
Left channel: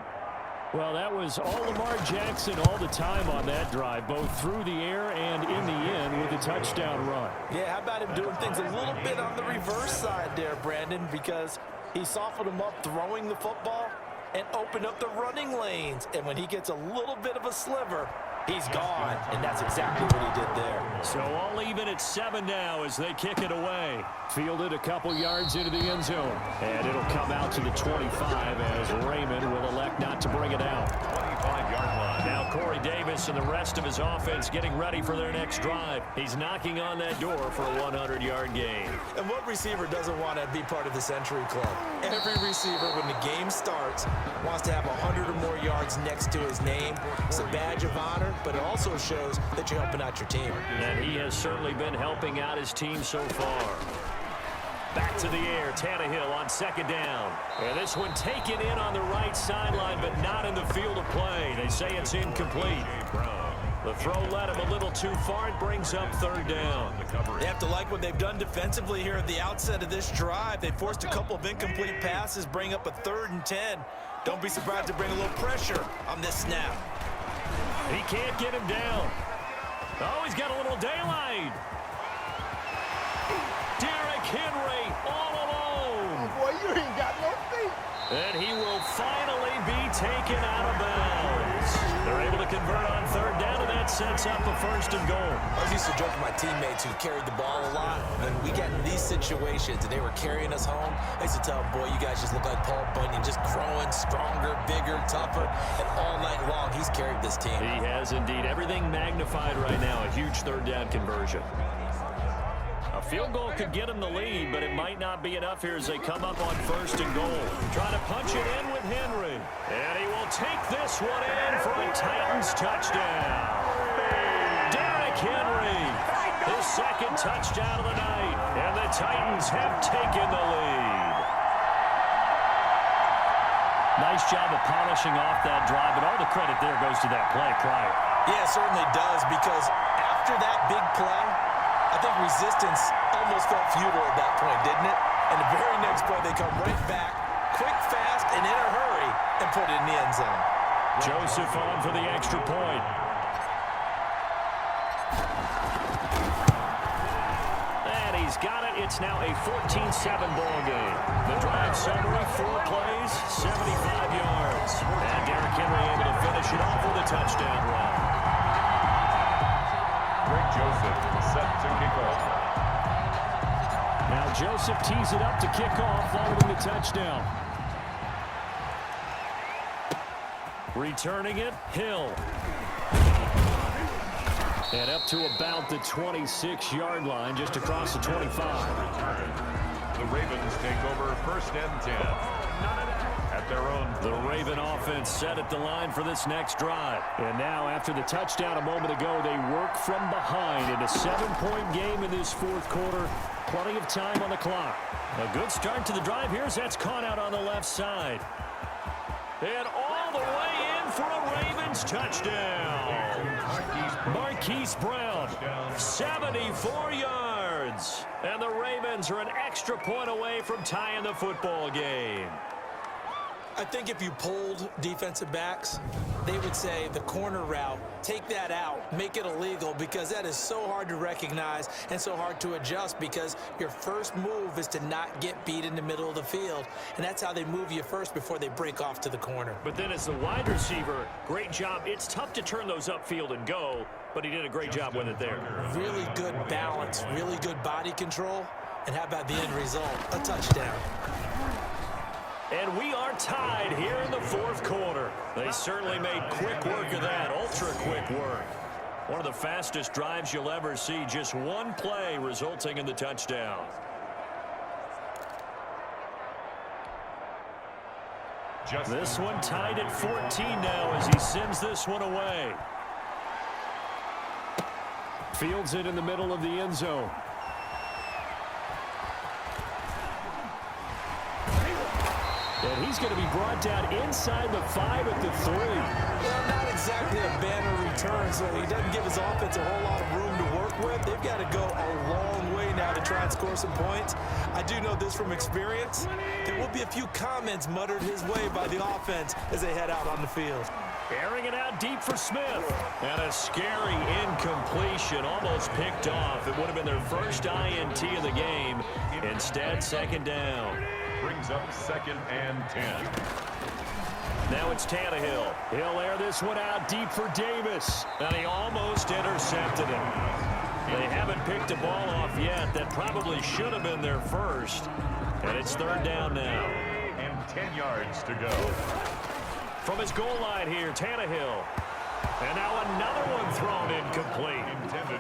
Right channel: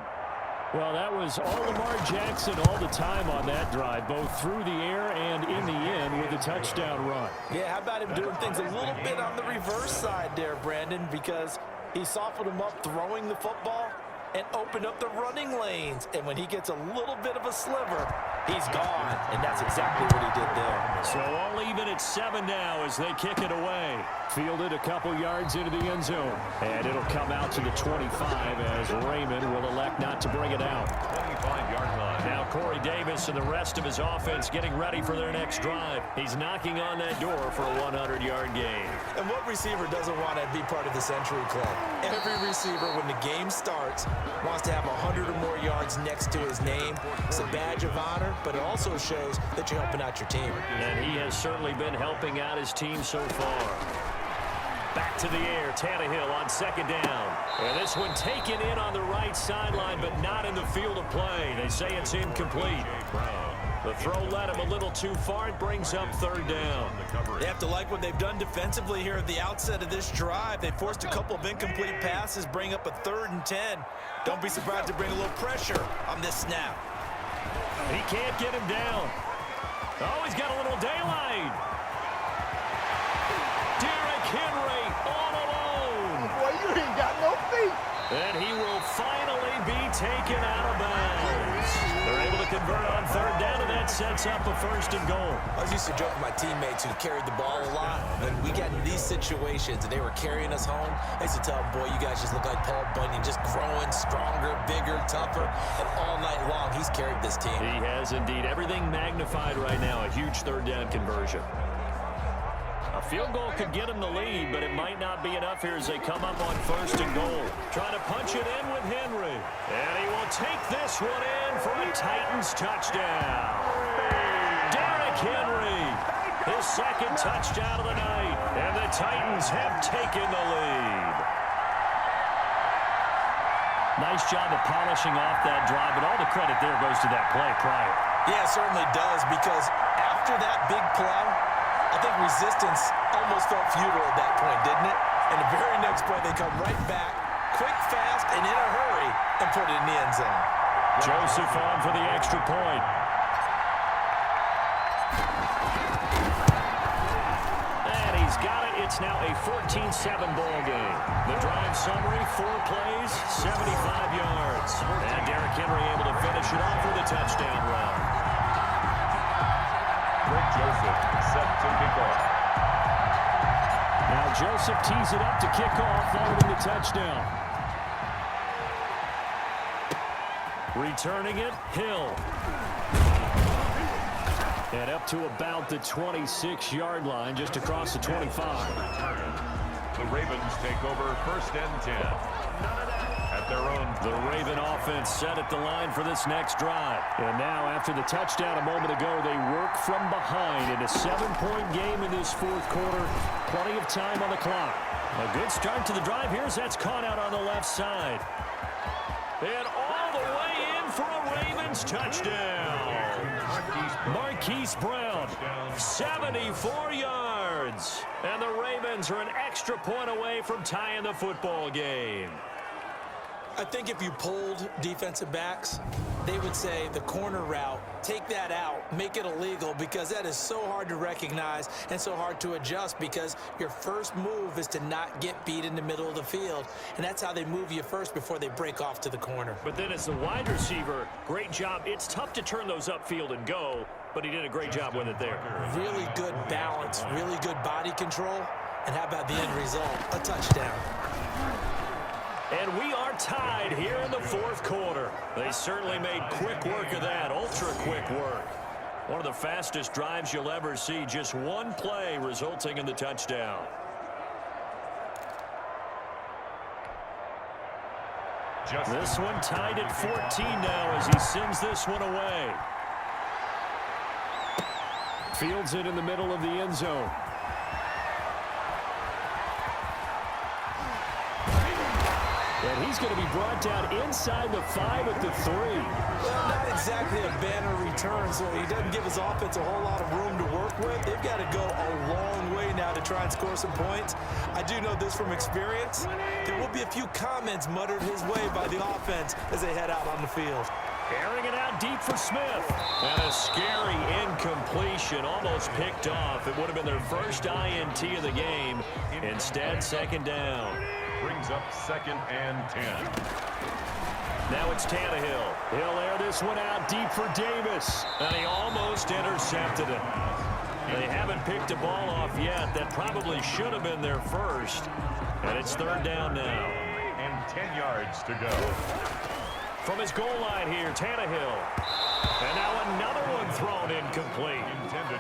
Well, that was all Lamar Jackson all the time on that drive, both through the air and in the end with a touchdown run. Yeah, how about him doing things a little bit on the reverse side there, Brandon, because he softened him up throwing the football and opened up the running lanes. And when he gets a little bit of a sliver, he's gone. And that's exactly what he did there. So all even at 7 now as they kick it away. Fielded a couple yards into the end zone. And it'll come out to the 25 as Raymond will elect not to bring it out. 25-yard line. Now Corey Davis and the rest of his offense getting ready for their next drive. He's knocking on that door for a 100-yard gain. And what receiver doesn't want to be part of the Century Club? Every receiver, when the game starts, wants to have 100 or more yards next to his name. It's a badge of honor, but it also shows that you're helping out your team. And he has certainly been helping out his team so far. Back to the air, Tannehill on 2nd down. And this one taken in on the right sideline, but not in the field of play. They say it's incomplete. The throw led him a little too far. It brings up 3rd down. They have to like what they've done defensively here at the outset of this drive. They forced a couple of incomplete passes, bring up a 3rd and 10. Don't be surprised to bring a little pressure on this snap. He can't get him down. Oh, he's got a little daylight. Derrick Henry all alone. Boy, you ain't got no feet. And he will finally be taken out of bounds. They're able to convert on 3rd down, and that sets up a 1st and goal. I used to joke with my teammates who carried the ball a lot. When we got in these situations and they were carrying us home, I used to tell them, boy, you guys just look like Paul Bunyan, just growing stronger, bigger, tougher. And all night long, he's carried this team. He has indeed. Everything magnified right now. A huge 3rd down conversion. A field goal could get him the lead, but it might not be enough here as they come up on 1st and goal. Trying to punch it in with Henry. And he will take this one in for a Titans touchdown. Derrick Henry, his 2nd touchdown of the night. And the Titans have taken the lead. Nice job of polishing off that drive, but all the credit there goes to that play prior. Yeah, it certainly does, because after that big play, I think resistance almost felt futile at that point, didn't it? And the very next play, they come right back, quick, fast, and in a hurry, and put it in the end zone. Joseph on for the extra point. And he's got it. It's now a 14-7 ball game. The drive summary, 4 plays, 75 yards. And Derrick Henry able to finish it off with a touchdown run. Rick Joseph set to kick off. Now Joseph tees it up to kick off following the touchdown. Returning it, Hill. And up to about the 26-yard line, just across the 25. The Ravens take over 1st and 10. At their own. The Raven offense set at the line for this next drive. And now, after the touchdown a moment ago, they work from behind in a 7-point game in this 4th quarter. Plenty of time on the clock. A good start to the drive here as that's caught out on the left side. And all the way in for a Ravens touchdown. Marquise Brown, 74 yards. And the Ravens are an extra point away from tying the football game. I think if you polled defensive backs, they would say the corner route, take that out, make it illegal, because that is so hard to recognize and so hard to adjust, because your first move is to not get beat in the middle of the field, and that's how they move you first before they break off to the corner. But then as the wide receiver, great job. It's tough to turn those upfield and go, but he did a great job with it there. Really good balance, really good body control, and how about the end result? A touchdown. And we are tied here in the fourth quarter. They certainly made quick work of that, ultra-quick work. One of the fastest drives you'll ever see, just one play resulting in the touchdown. This one tied at 14 now as he sends this one away. Fields it in the middle of the end zone. And he's going to be brought down inside the 5 at the 3. Well, not exactly a banner return, so he doesn't give his offense a whole lot of room to work with. They've got to go a long way now to try and score some points. I do know this from experience. There will be a few comments muttered his way by the offense as they head out on the field. Airing it out deep for Smith. And a scary incompletion, almost picked off. It would have been their first INT of the game. Instead, second down. Brings up 2nd and 10. Now it's Tannehill. He'll air this one out deep for Davis. And he almost intercepted it. They haven't picked a ball off yet. That probably should have been their first. And it's 3rd down now. And 10 yards to go. From his goal line here, Tannehill. And now another one thrown incomplete.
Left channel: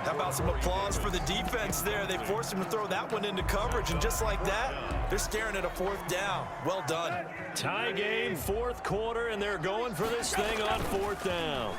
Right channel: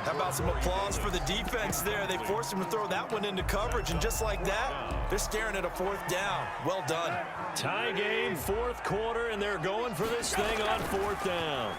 How about some applause for the defense there? They forced him to throw that one into coverage, and just like that, they're staring at a 4th down. Well done. Tie game, 4th quarter, and they're going for this thing on 4th down.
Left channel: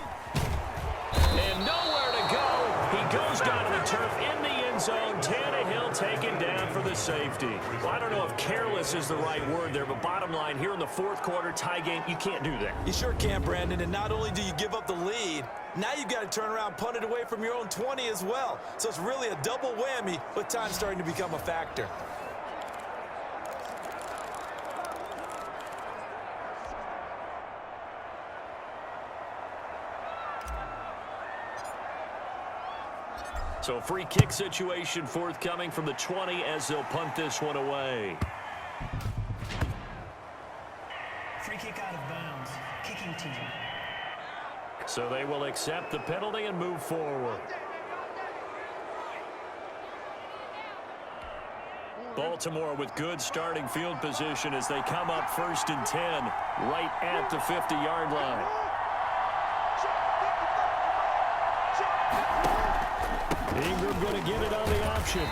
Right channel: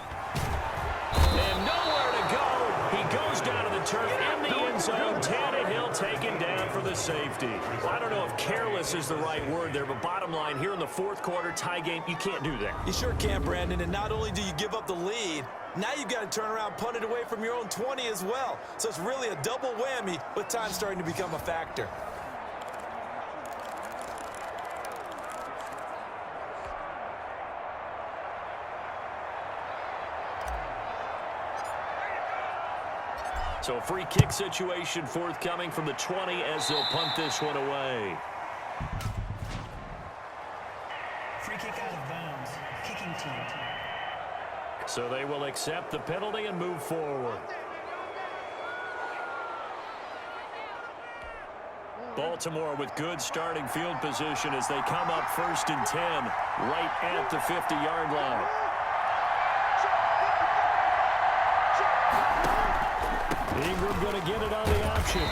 And nowhere to go. He goes down to the turf in the end zone. Tannehill taken down for the safety. Well, I don't know if careless is the right word there, but bottom line, here in the 4th quarter, tie game, you can't do that. You sure can, Brandon, and not only do you give up the lead, now you've got to turn around, punt it away from your own 20 as well. So it's really a double whammy with time starting to become a factor. So a free kick situation forthcoming from the 20 as they'll punt this one away. Free kick out of bounds. Kicking team. So they will accept the penalty and move forward. Baltimore with good starting field position as they come up 1st and 10 right at the 50-yard line. Ingram going to get it on the option.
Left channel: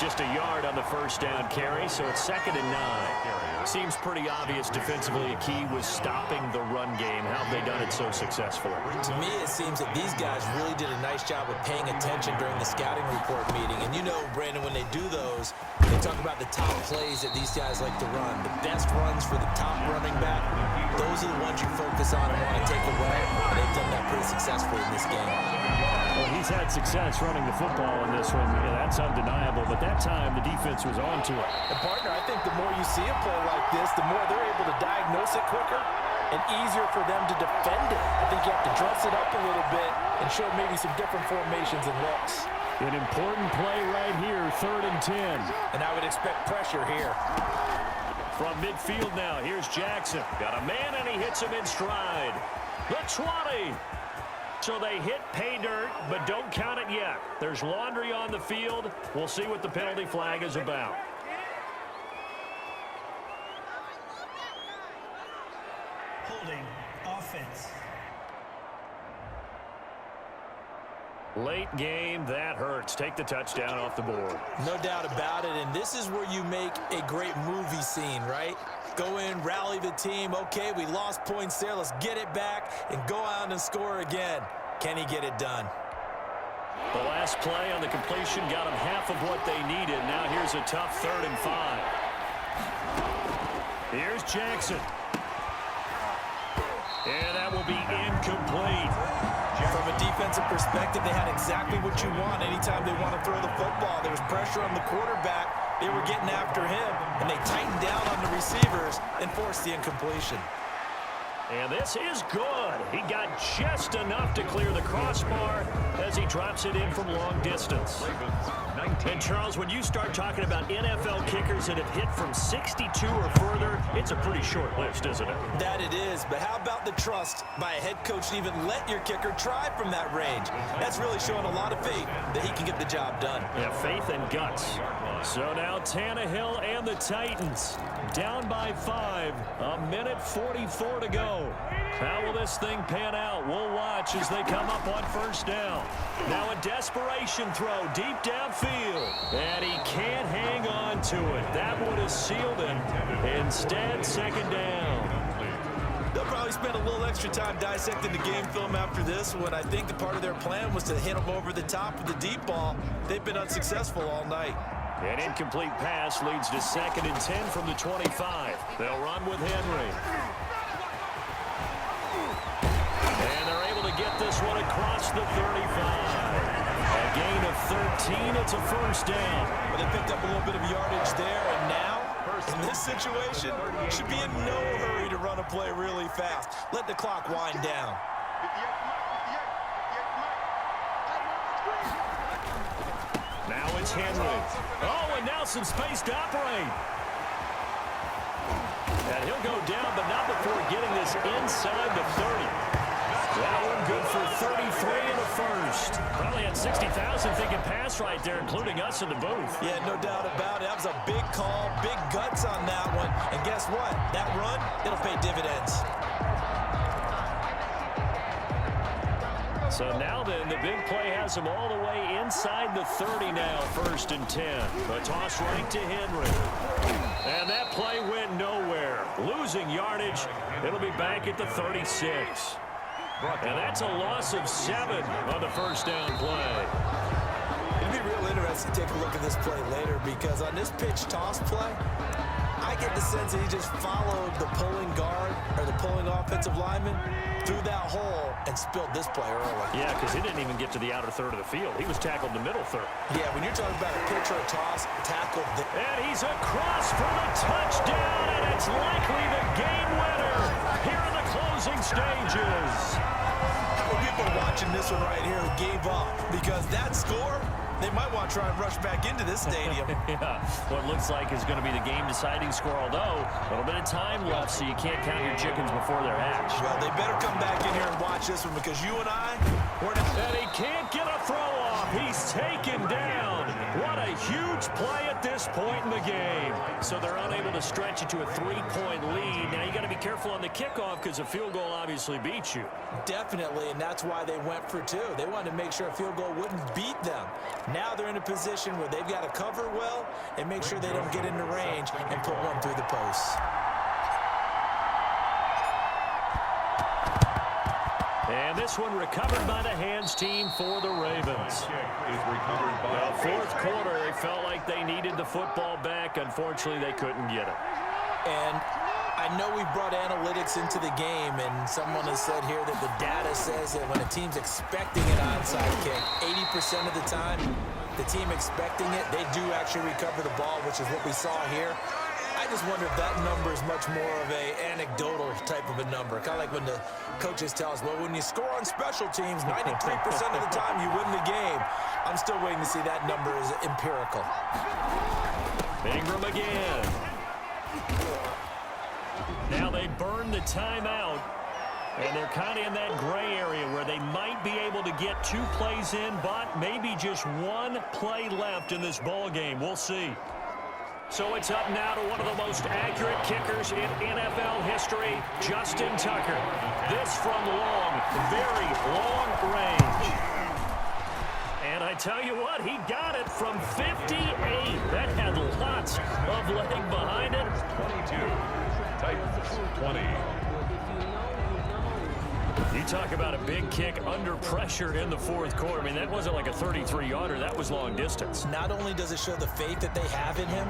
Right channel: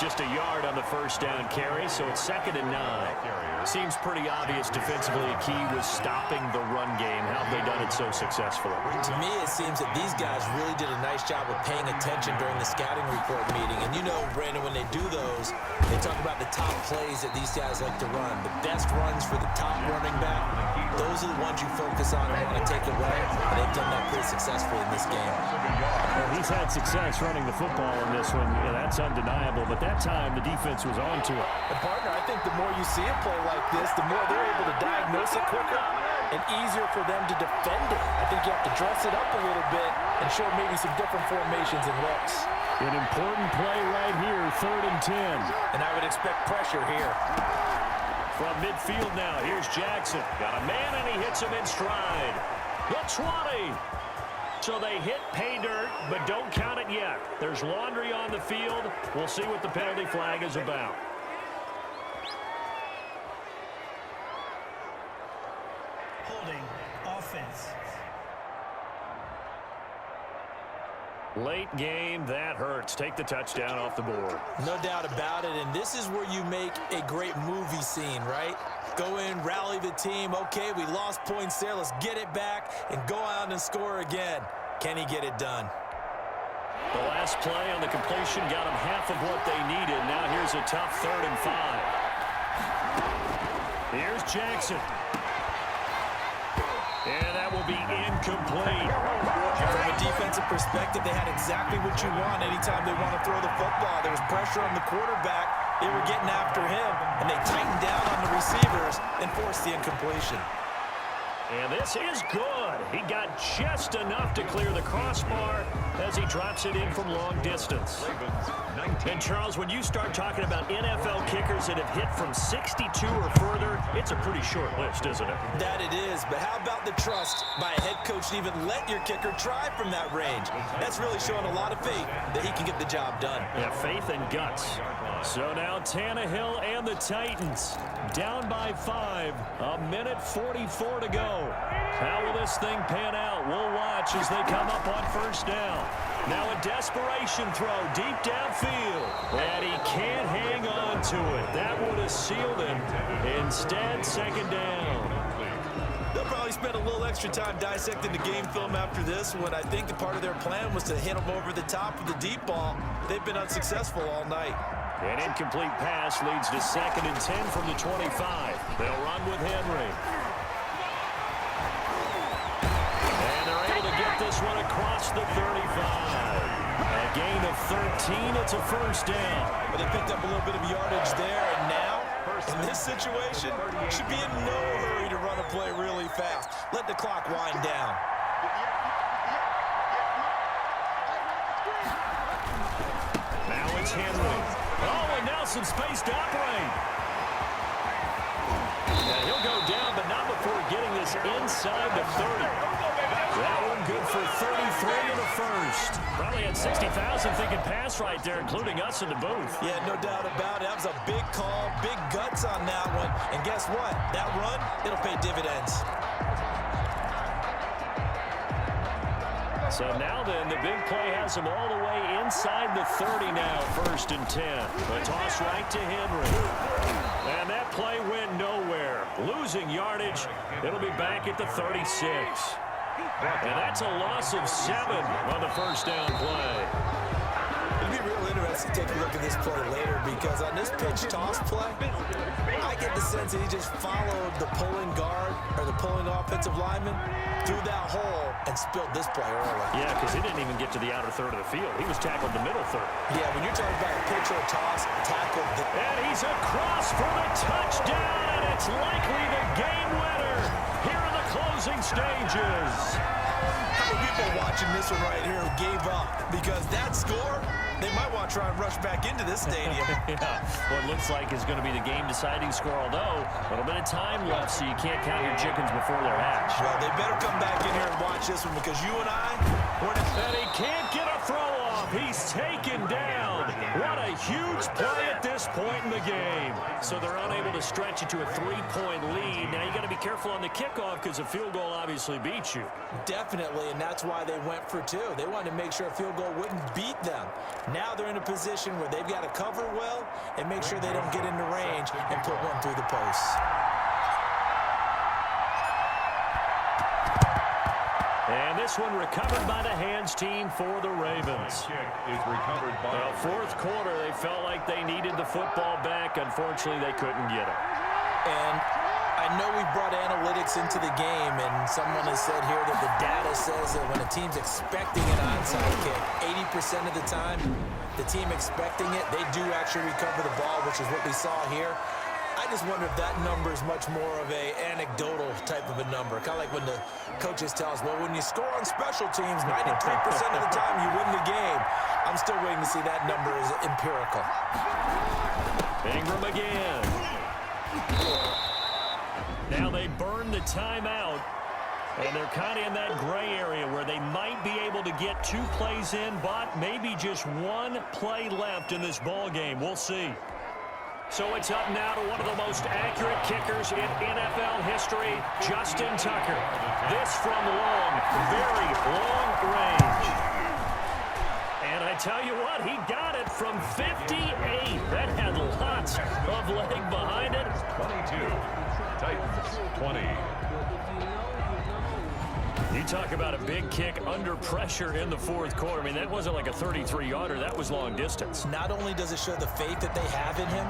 Just a yard on the first down carry, so it's 2nd and 9. Seems pretty obvious defensively a key was stopping the run game. How have they done it so successfully? To me, it seems that these guys really did a nice job of paying attention during the scouting report meeting. And you know, Brandon, when they do those, they talk about the top plays that these guys like to run. The best runs for the top running back, those are the ones you focus on and want to take away. And they've done that pretty successfully in this game. Well, he's had success running the football in this one. Yeah, that's undeniable. But that time, the defense was on to it. And, partner, I think the more you see a play like this, the more they're able to diagnose it quicker and easier for them to defend it. I think you have to dress it up a little bit and show maybe some different formations and looks. An important play right here, 3rd and 10. And I would expect pressure here. From midfield now, here's Jackson. Got a man, and he hits him in stride. The 20. So they hit pay dirt, but don't count it yet. There's laundry on the field. We'll see what the penalty flag is about. Holding. Offense. Late game, that hurts. Take the touchdown off the board. No doubt about it, and this is where you make a great movie scene, right? Go in, rally the team. Okay, we lost points there. Let's get it back and go out and score again. Can he get it done? The last last play on the completion got them half of what they needed. Now here's a tough 3rd and 5. Here's Jackson. And that will be incomplete. From a defensive perspective, they had exactly what you want anytime they want to throw the football. There was pressure on the quarterback. They were getting after him, and they tightened down on the receivers and forced the incompletion. And this is good. He got just enough to clear the crossbar as he drops it in from long distance. And Charles, when you start talking about NFL kickers that have hit from 62 or further, it's a pretty short list, isn't it? That it is, but how about the trust by a head coach to even let your kicker try from that range? That's really showing a lot of faith that he can get the job done. Yeah, faith and guts. So now Tannehill and the Titans down by 5. 1:44 to go. How will this thing pan out? We'll watch as they come up on 1st down. Now a desperation throw deep downfield. And he can't hang on to it. That would have sealed him. Instead, 2nd down. They'll probably spend a little extra time dissecting the game film after this one. I think the part of their plan was to hit him over the top of the deep ball. They've been unsuccessful all night. An incomplete pass leads to 2nd and 10 from the 25. They'll run with Henry. And they're able to get this one across the 35. A gain of 13. It's a 1st down. But they picked up a little bit of yardage there, and now, in this situation, should be in no hurry to run a play really fast. Let the clock wind down. Now it's Henry. Oh, and now some space to operate. And he'll go down, but not before getting this inside the 30. That one good for 33 and a 1st. Probably had 60,000 thinking pass right there, including us in the booth. Yeah, no doubt about it. That was a big call, big guts on that one. And guess what? That run, it'll pay dividends. So now then, the big play has him all the way inside the 30 now, 1st and 10. A toss right to Henry. And that play went nowhere. Losing yardage. It'll be back at the 36. And that's a loss of 7 on the 1st down play. It'll be real interesting to take a look at this play later, because on this pitch toss play, I get the sense that he just followed the pulling guard or the pulling offensive lineman through that hole and spilled this play early. Yeah, because he didn't even get to the outer third of the field. He was tackled the middle third. Yeah, when you're talking about a pitch or a toss, tackled. And he's across for the touchdown, and it's likely the game winner here in the closing stages. How many people watching this one right here who gave up? Because that score, they might want to try and rush back into this stadium. Yeah, what looks like is going to be the game-deciding score, although a little bit of time left, so you can't count your chickens before they're hatched. Well, they better come back in here and watch this one, because you and I, we're not... And he can't get a throw off. He's taken down. What a huge play at this point in the game. So they're unable to stretch it to a 3-point lead. Now you got to be careful on the kickoff, because a field goal obviously beats you. Definitely, and that's why they went for 2. They wanted to make sure a field goal wouldn't beat them. Now they're in a position where they've got to cover well and make sure they don't get into range and put one through the posts. And this one recovered by the hands team for the Ravens. Is recovered by the 4th quarter, they felt like they needed the football back. Unfortunately, they couldn't get it. And I know we brought analytics into the game, and someone has said here that the data says that when a team's expecting an onside kick, 80% of the time, the team expecting it, they do actually recover the ball, which is what we saw here. I just wonder if that number is much more of a anecdotal type of a number. Kind of like when the coaches tell us, well, when you score on special teams, 93% of the time you win the game. I'm still waiting to see that number is empirical. Ingram again. Now they burn the timeout, and they're kind of in that gray area where they might be able to get 2 plays in, but maybe just 1 play left in this ball game. We'll see. So it's up now to one of the most accurate kickers in NFL history, Justin Tucker. This from long, very long range. And I tell you what, he got it from 58. That had lots of leg behind it. 22. Titans 20. You talk about a big kick under pressure in the fourth quarter. I mean, that wasn't like a 33-yarder. That was long distance. Not only does it show the faith that they have in him,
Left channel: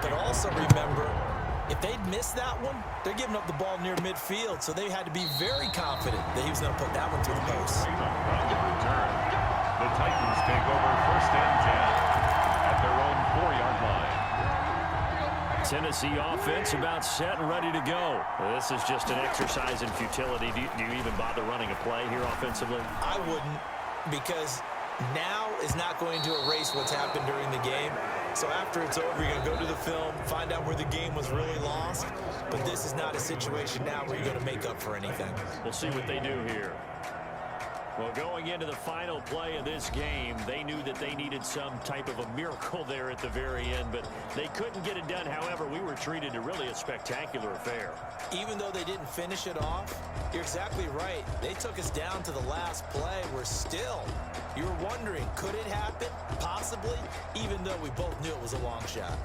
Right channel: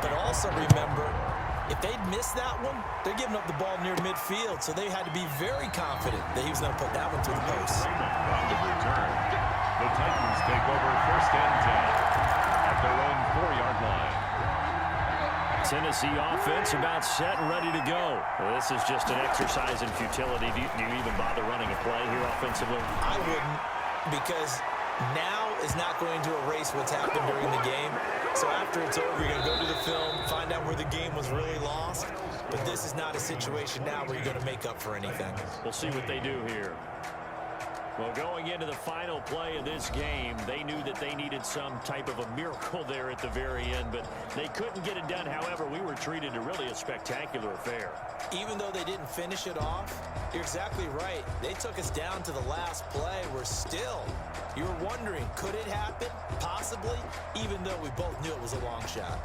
but also remember, if they'd missed that one, they're giving up the ball near midfield, so they had to be very confident that he was going to put that one through the post. On the return, the Titans take over 1st and 10 at their own 4-yard line. Tennessee offense about set and ready to go. This is just an exercise in futility. Do you even bother running a play here offensively? I wouldn't, because now is not going to erase what's happened during the game. So after it's over, you're going to go to the film, find out where the game was really lost. But this is not a situation now where you're going to make up for anything. We'll see what they do here. Well, going into the final play of this game, they knew that they needed some type of a miracle there at the very end, but they couldn't get it done. However, we were treated to really a spectacular affair. Even though they didn't finish it off, you're exactly right. They took us down to the last play. We're still, you were wondering, could it happen? Possibly, even though we both knew it was a long shot.